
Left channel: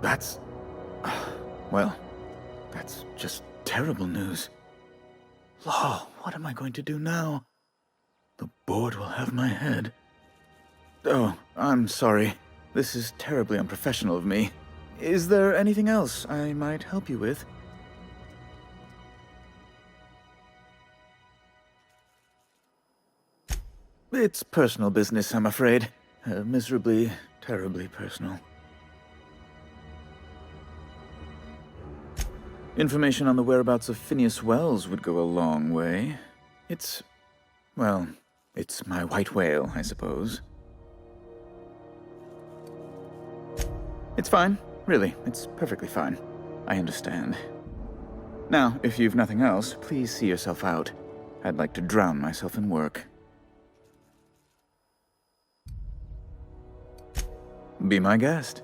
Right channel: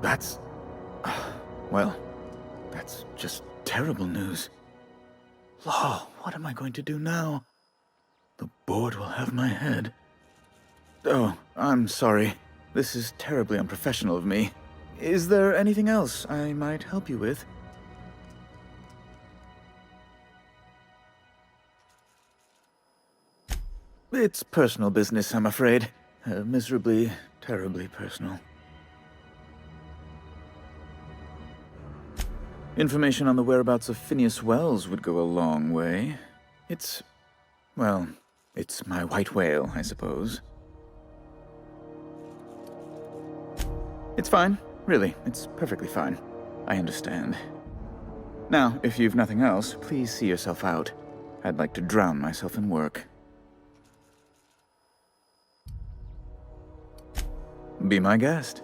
That's... well, that's just terrible news. Law, what am I going to do now? The board will have my head. Oh, I'm sorry. This is terribly unprofessional of me. Is there anything else I might help you with? It's personal business, I'm afraid. Miserably, terribly personal. Information on the whereabouts of Phineas Wells would go a long way. Well, it's my white whale, I suppose. It's fine. Really, it's perfectly fine. I understand. Now, if you've nothing else, please see yourself out. I'd like to drown myself in work. Be my guest.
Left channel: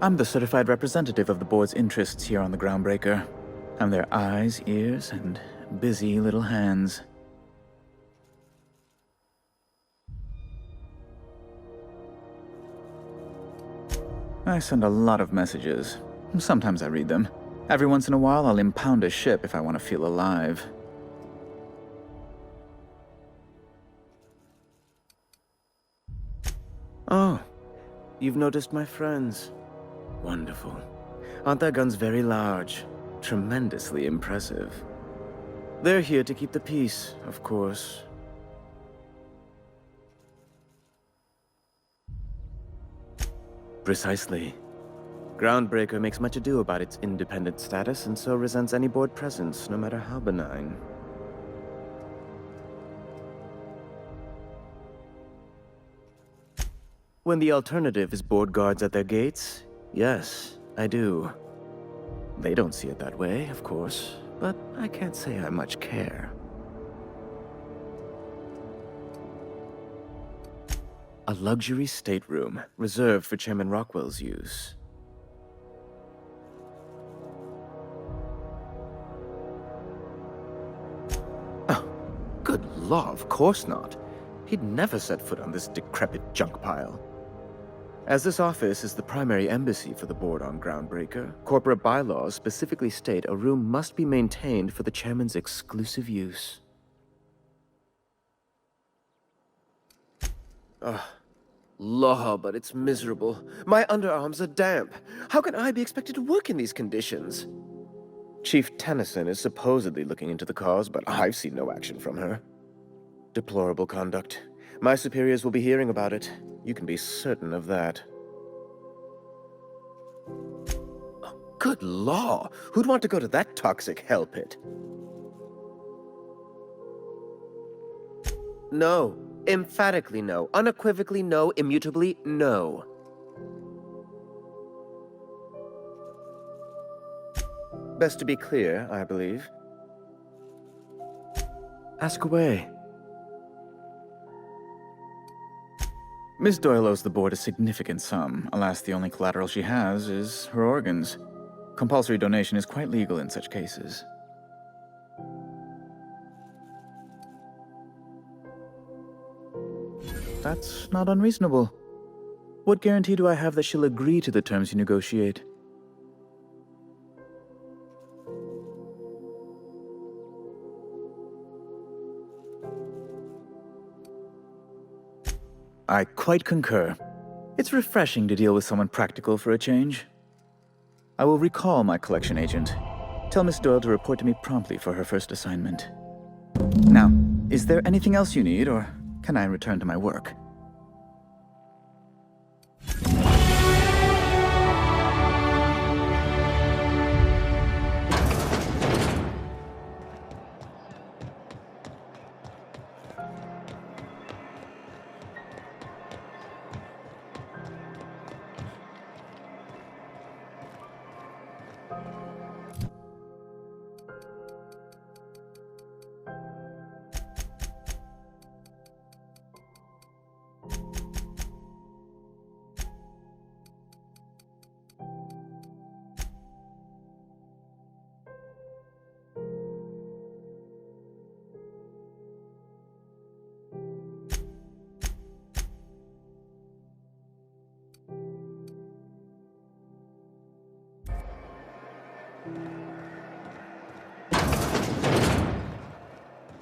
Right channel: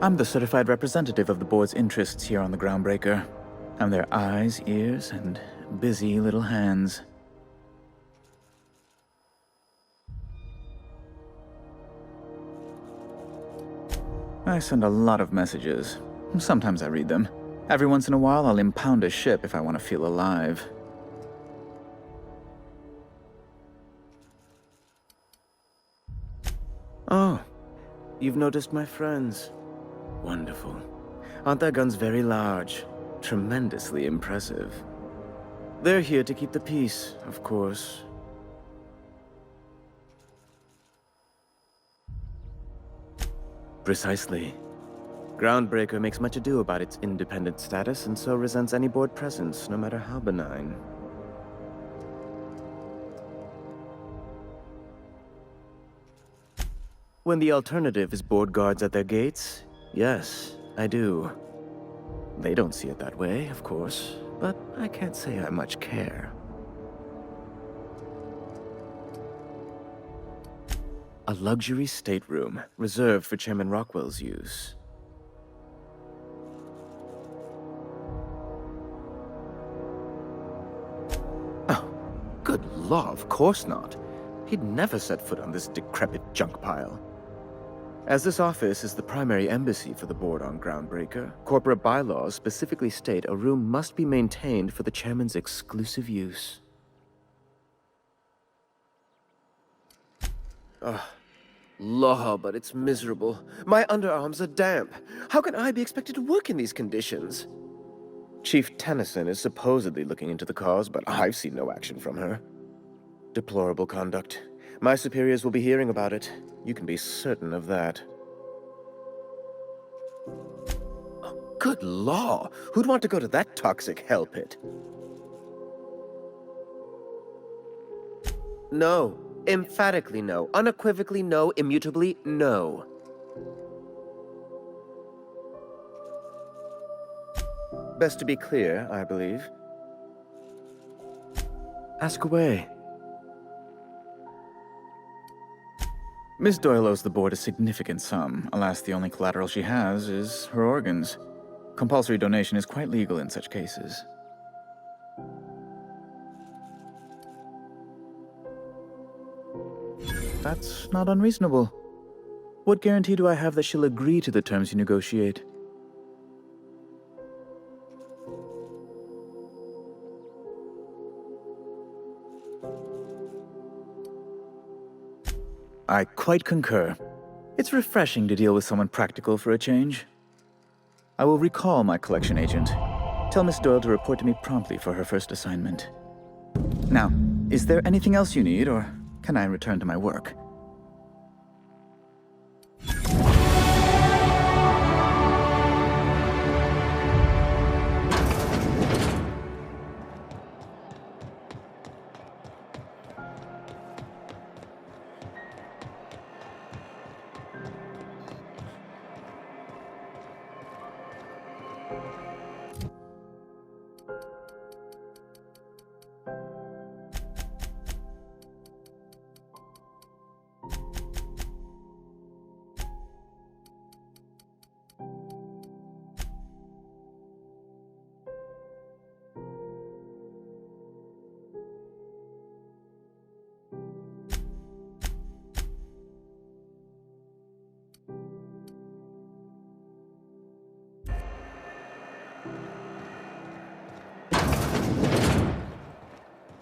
I'm the certified representative of the board's interests here on the Groundbreaker. I'm their eyes, ears, and busy little hands. I send a lot of messages. Sometimes I read them. Every once in a while, I'll impound a ship if I want to feel alive. Oh, you've noticed my friends. Wonderful. Aren't their guns very large? Tremendously impressive. They're here to keep the peace, of course. Precisely. Groundbreaker makes much ado about its independent status and so resents any board presence, no matter how benign. When the alternative is board guards at their gates, yes, I do. They don't see it that way, of course, but I can't say I much care. A luxury stateroom reserved for Chairman Rockwell's use. Oh, good law, of course not. He'd never set foot on this decrepit junk pile. As this office is the primary embassy for the board on Groundbreaker, corporate bylaws specifically state a room must be maintained for the chairman's exclusive use. Ugh. Law, but it's miserable. My underarms are damp. How can I be expected to work in these conditions? Chief Tennyson is supposedly looking into the cause, but I've seen no action from her. Deplorable conduct. My superiors will be hearing about it. You can be certain of that. Oh, good law! Who'd want to go to that toxic hell pit? No. Emphatically no. Unequivocally no. Immutably no. Best to be clear, I believe. Ask away. Miss Doyle owes the board a significant sum. Alas, the only collateral she has is her organs. Compulsory donation is quite legal in such cases. That's not unreasonable. What guarantee do I have that she'll agree to the terms you negotiate? I quite concur. It's refreshing to deal with someone practical for a change. I will recall my collection agent. Tell Miss Doyle to report to me promptly for her first assignment. Now, is there anything else you need, or can I return to my work?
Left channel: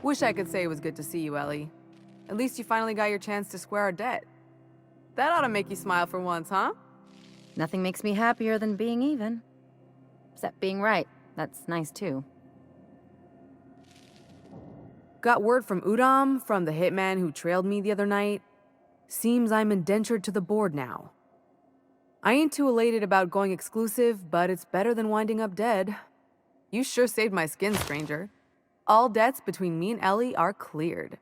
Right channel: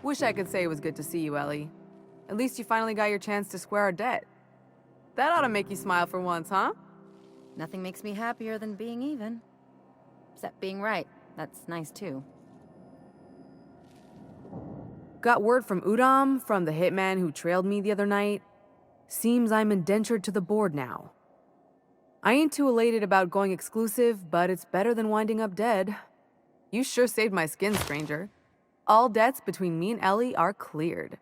Wish I could say it was good to see you, Ellie. At least you finally got your chance to square our debt. That ought to make you smile for once, huh? Nothing makes me happier than being even. Except being right. That's nice, too. Got word from Udom, from the hitman who trailed me the other night. Seems I'm indentured to the board now. I ain't too elated about going exclusive, but it's better than winding up dead. You sure saved my skin, stranger. All debts between me and Ellie are cleared.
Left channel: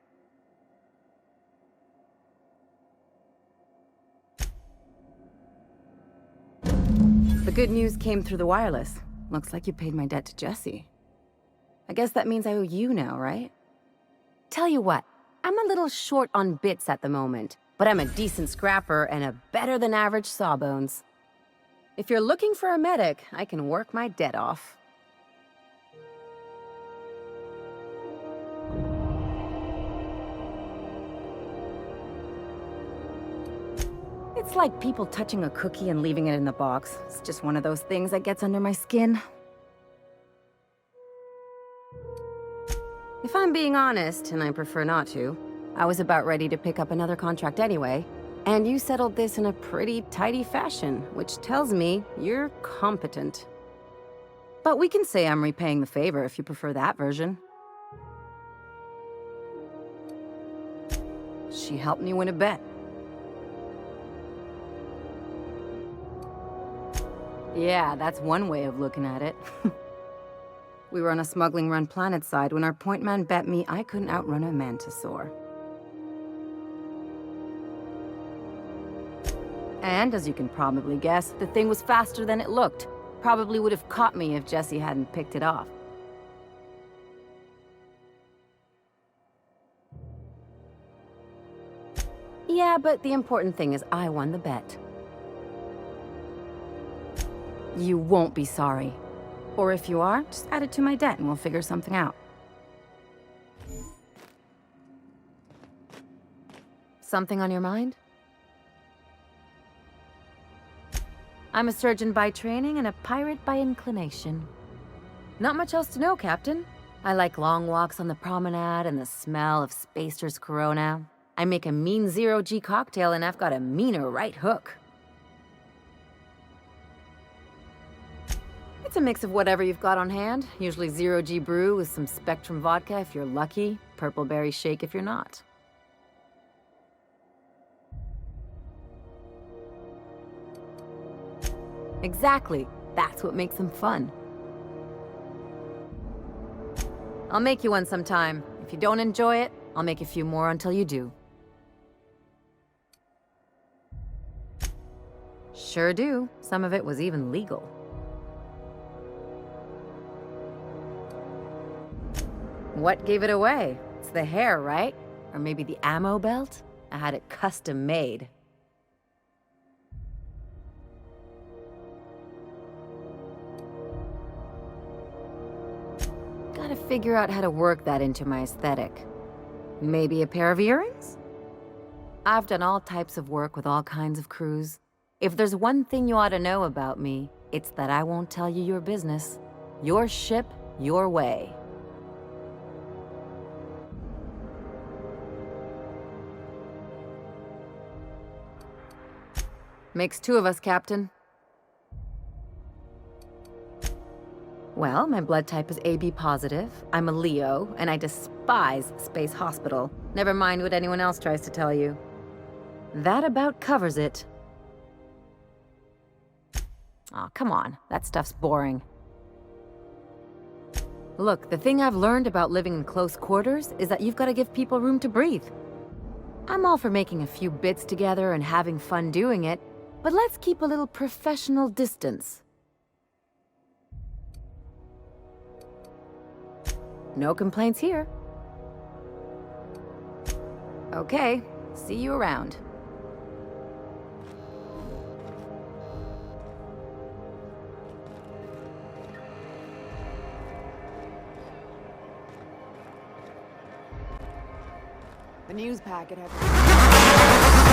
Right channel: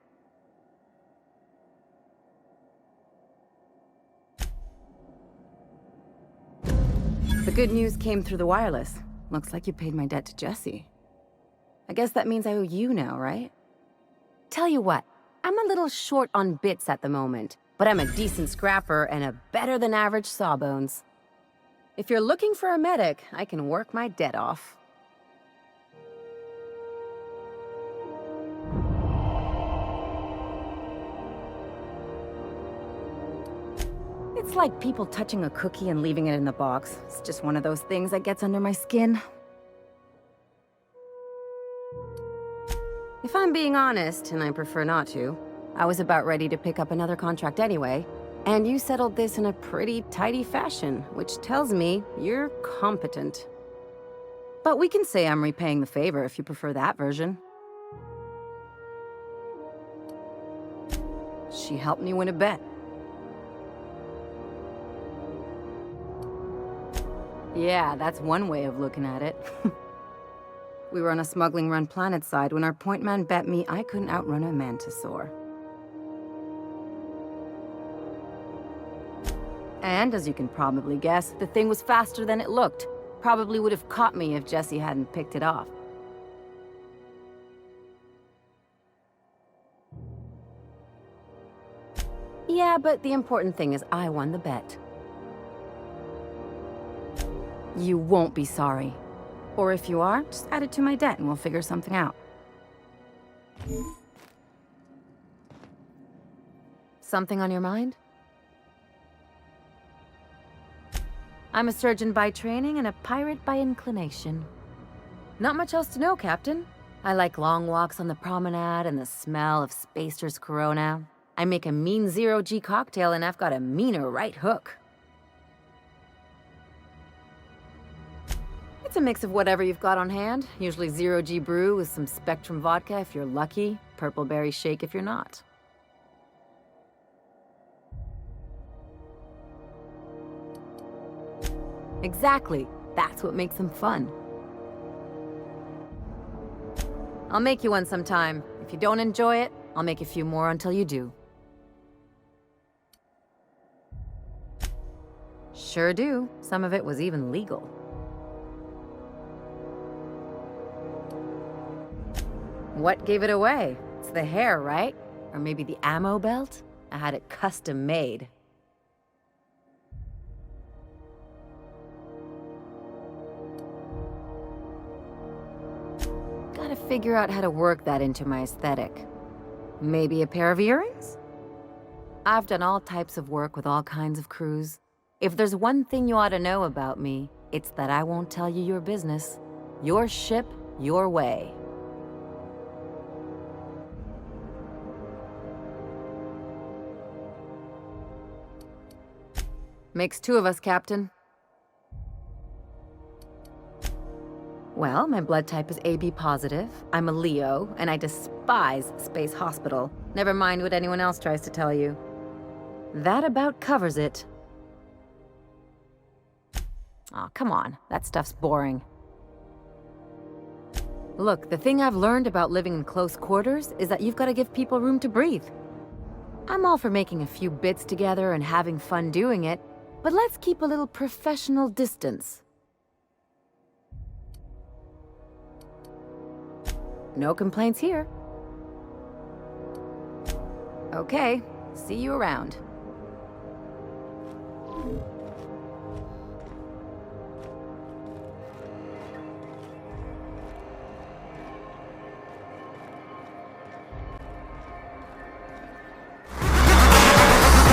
The good news came through the wireless. Looks like you paid my debt to Jesse. I guess that means I owe you now, right? Tell you what, I'm a little short on bits at the moment, but I'm a decent scrapper and a better-than-average sawbones. If you're looking for a medic, I can work my debt off. It's like people touching a cookie and leaving it in the box. It's just one of those things that gets under my skin. If I'm being honest, and I prefer not to, I was about ready to pick up another contract anyway, and you settled this in a pretty tidy fashion, which tells me you're competent. But we can say I'm repaying the favor if you prefer that version. She helped me win a bet. Yeah, that's one way of looking at it. We were on a smuggling run planet side when our point man bet me I couldn't outrun a mantisaur. And as you can probably guess, the thing was faster than it looked. Probably would have caught me if Jesse hadn't picked it off. Yeah, but the important thing is I won the bet. You won't be sorry. Or if you are, just add it to my debt and we'll figure something out. Something on your mind? I'm a surgeon by training and a pirate by inclination. Not much else to know, Captain. I like long walks on the promenade and the smell of Spacer's Corona. I make a mean zero-G cocktail and I've got a meaner right hook. It's a mix of whatever you've got on hand. Usually zero-G brew with some Spectrum vodka if you're lucky, purple berry shake if you're not. Exactly. That's what makes them fun. I'll make you one sometime. If you don't enjoy it, I'll make a few more until you do. Sure do. Some of it was even legal. What gave it away? It's the hair, right? Or maybe the ammo belt? I had it custom made. Gotta figure out how to work that into my aesthetic. Maybe a pair of earrings? I've done all types of work with all kinds of crews. If there's one thing you ought to know about me, it's that I won't tell you your business. Your ship, your way. Makes two of us, Captain. Well, my blood type is AB positive. I'm a Leo, and I despise Space Hospital. Never mind what anyone else tries to tell you. That about covers it. Aw, come on. That stuff's boring. Look, the thing I've learned about living in close quarters is that you've got to give people room to breathe. I'm all for making a few bits together and having fun doing it, but let's keep a little professional distance. No complaints here. Okay, see you around. The news packet has...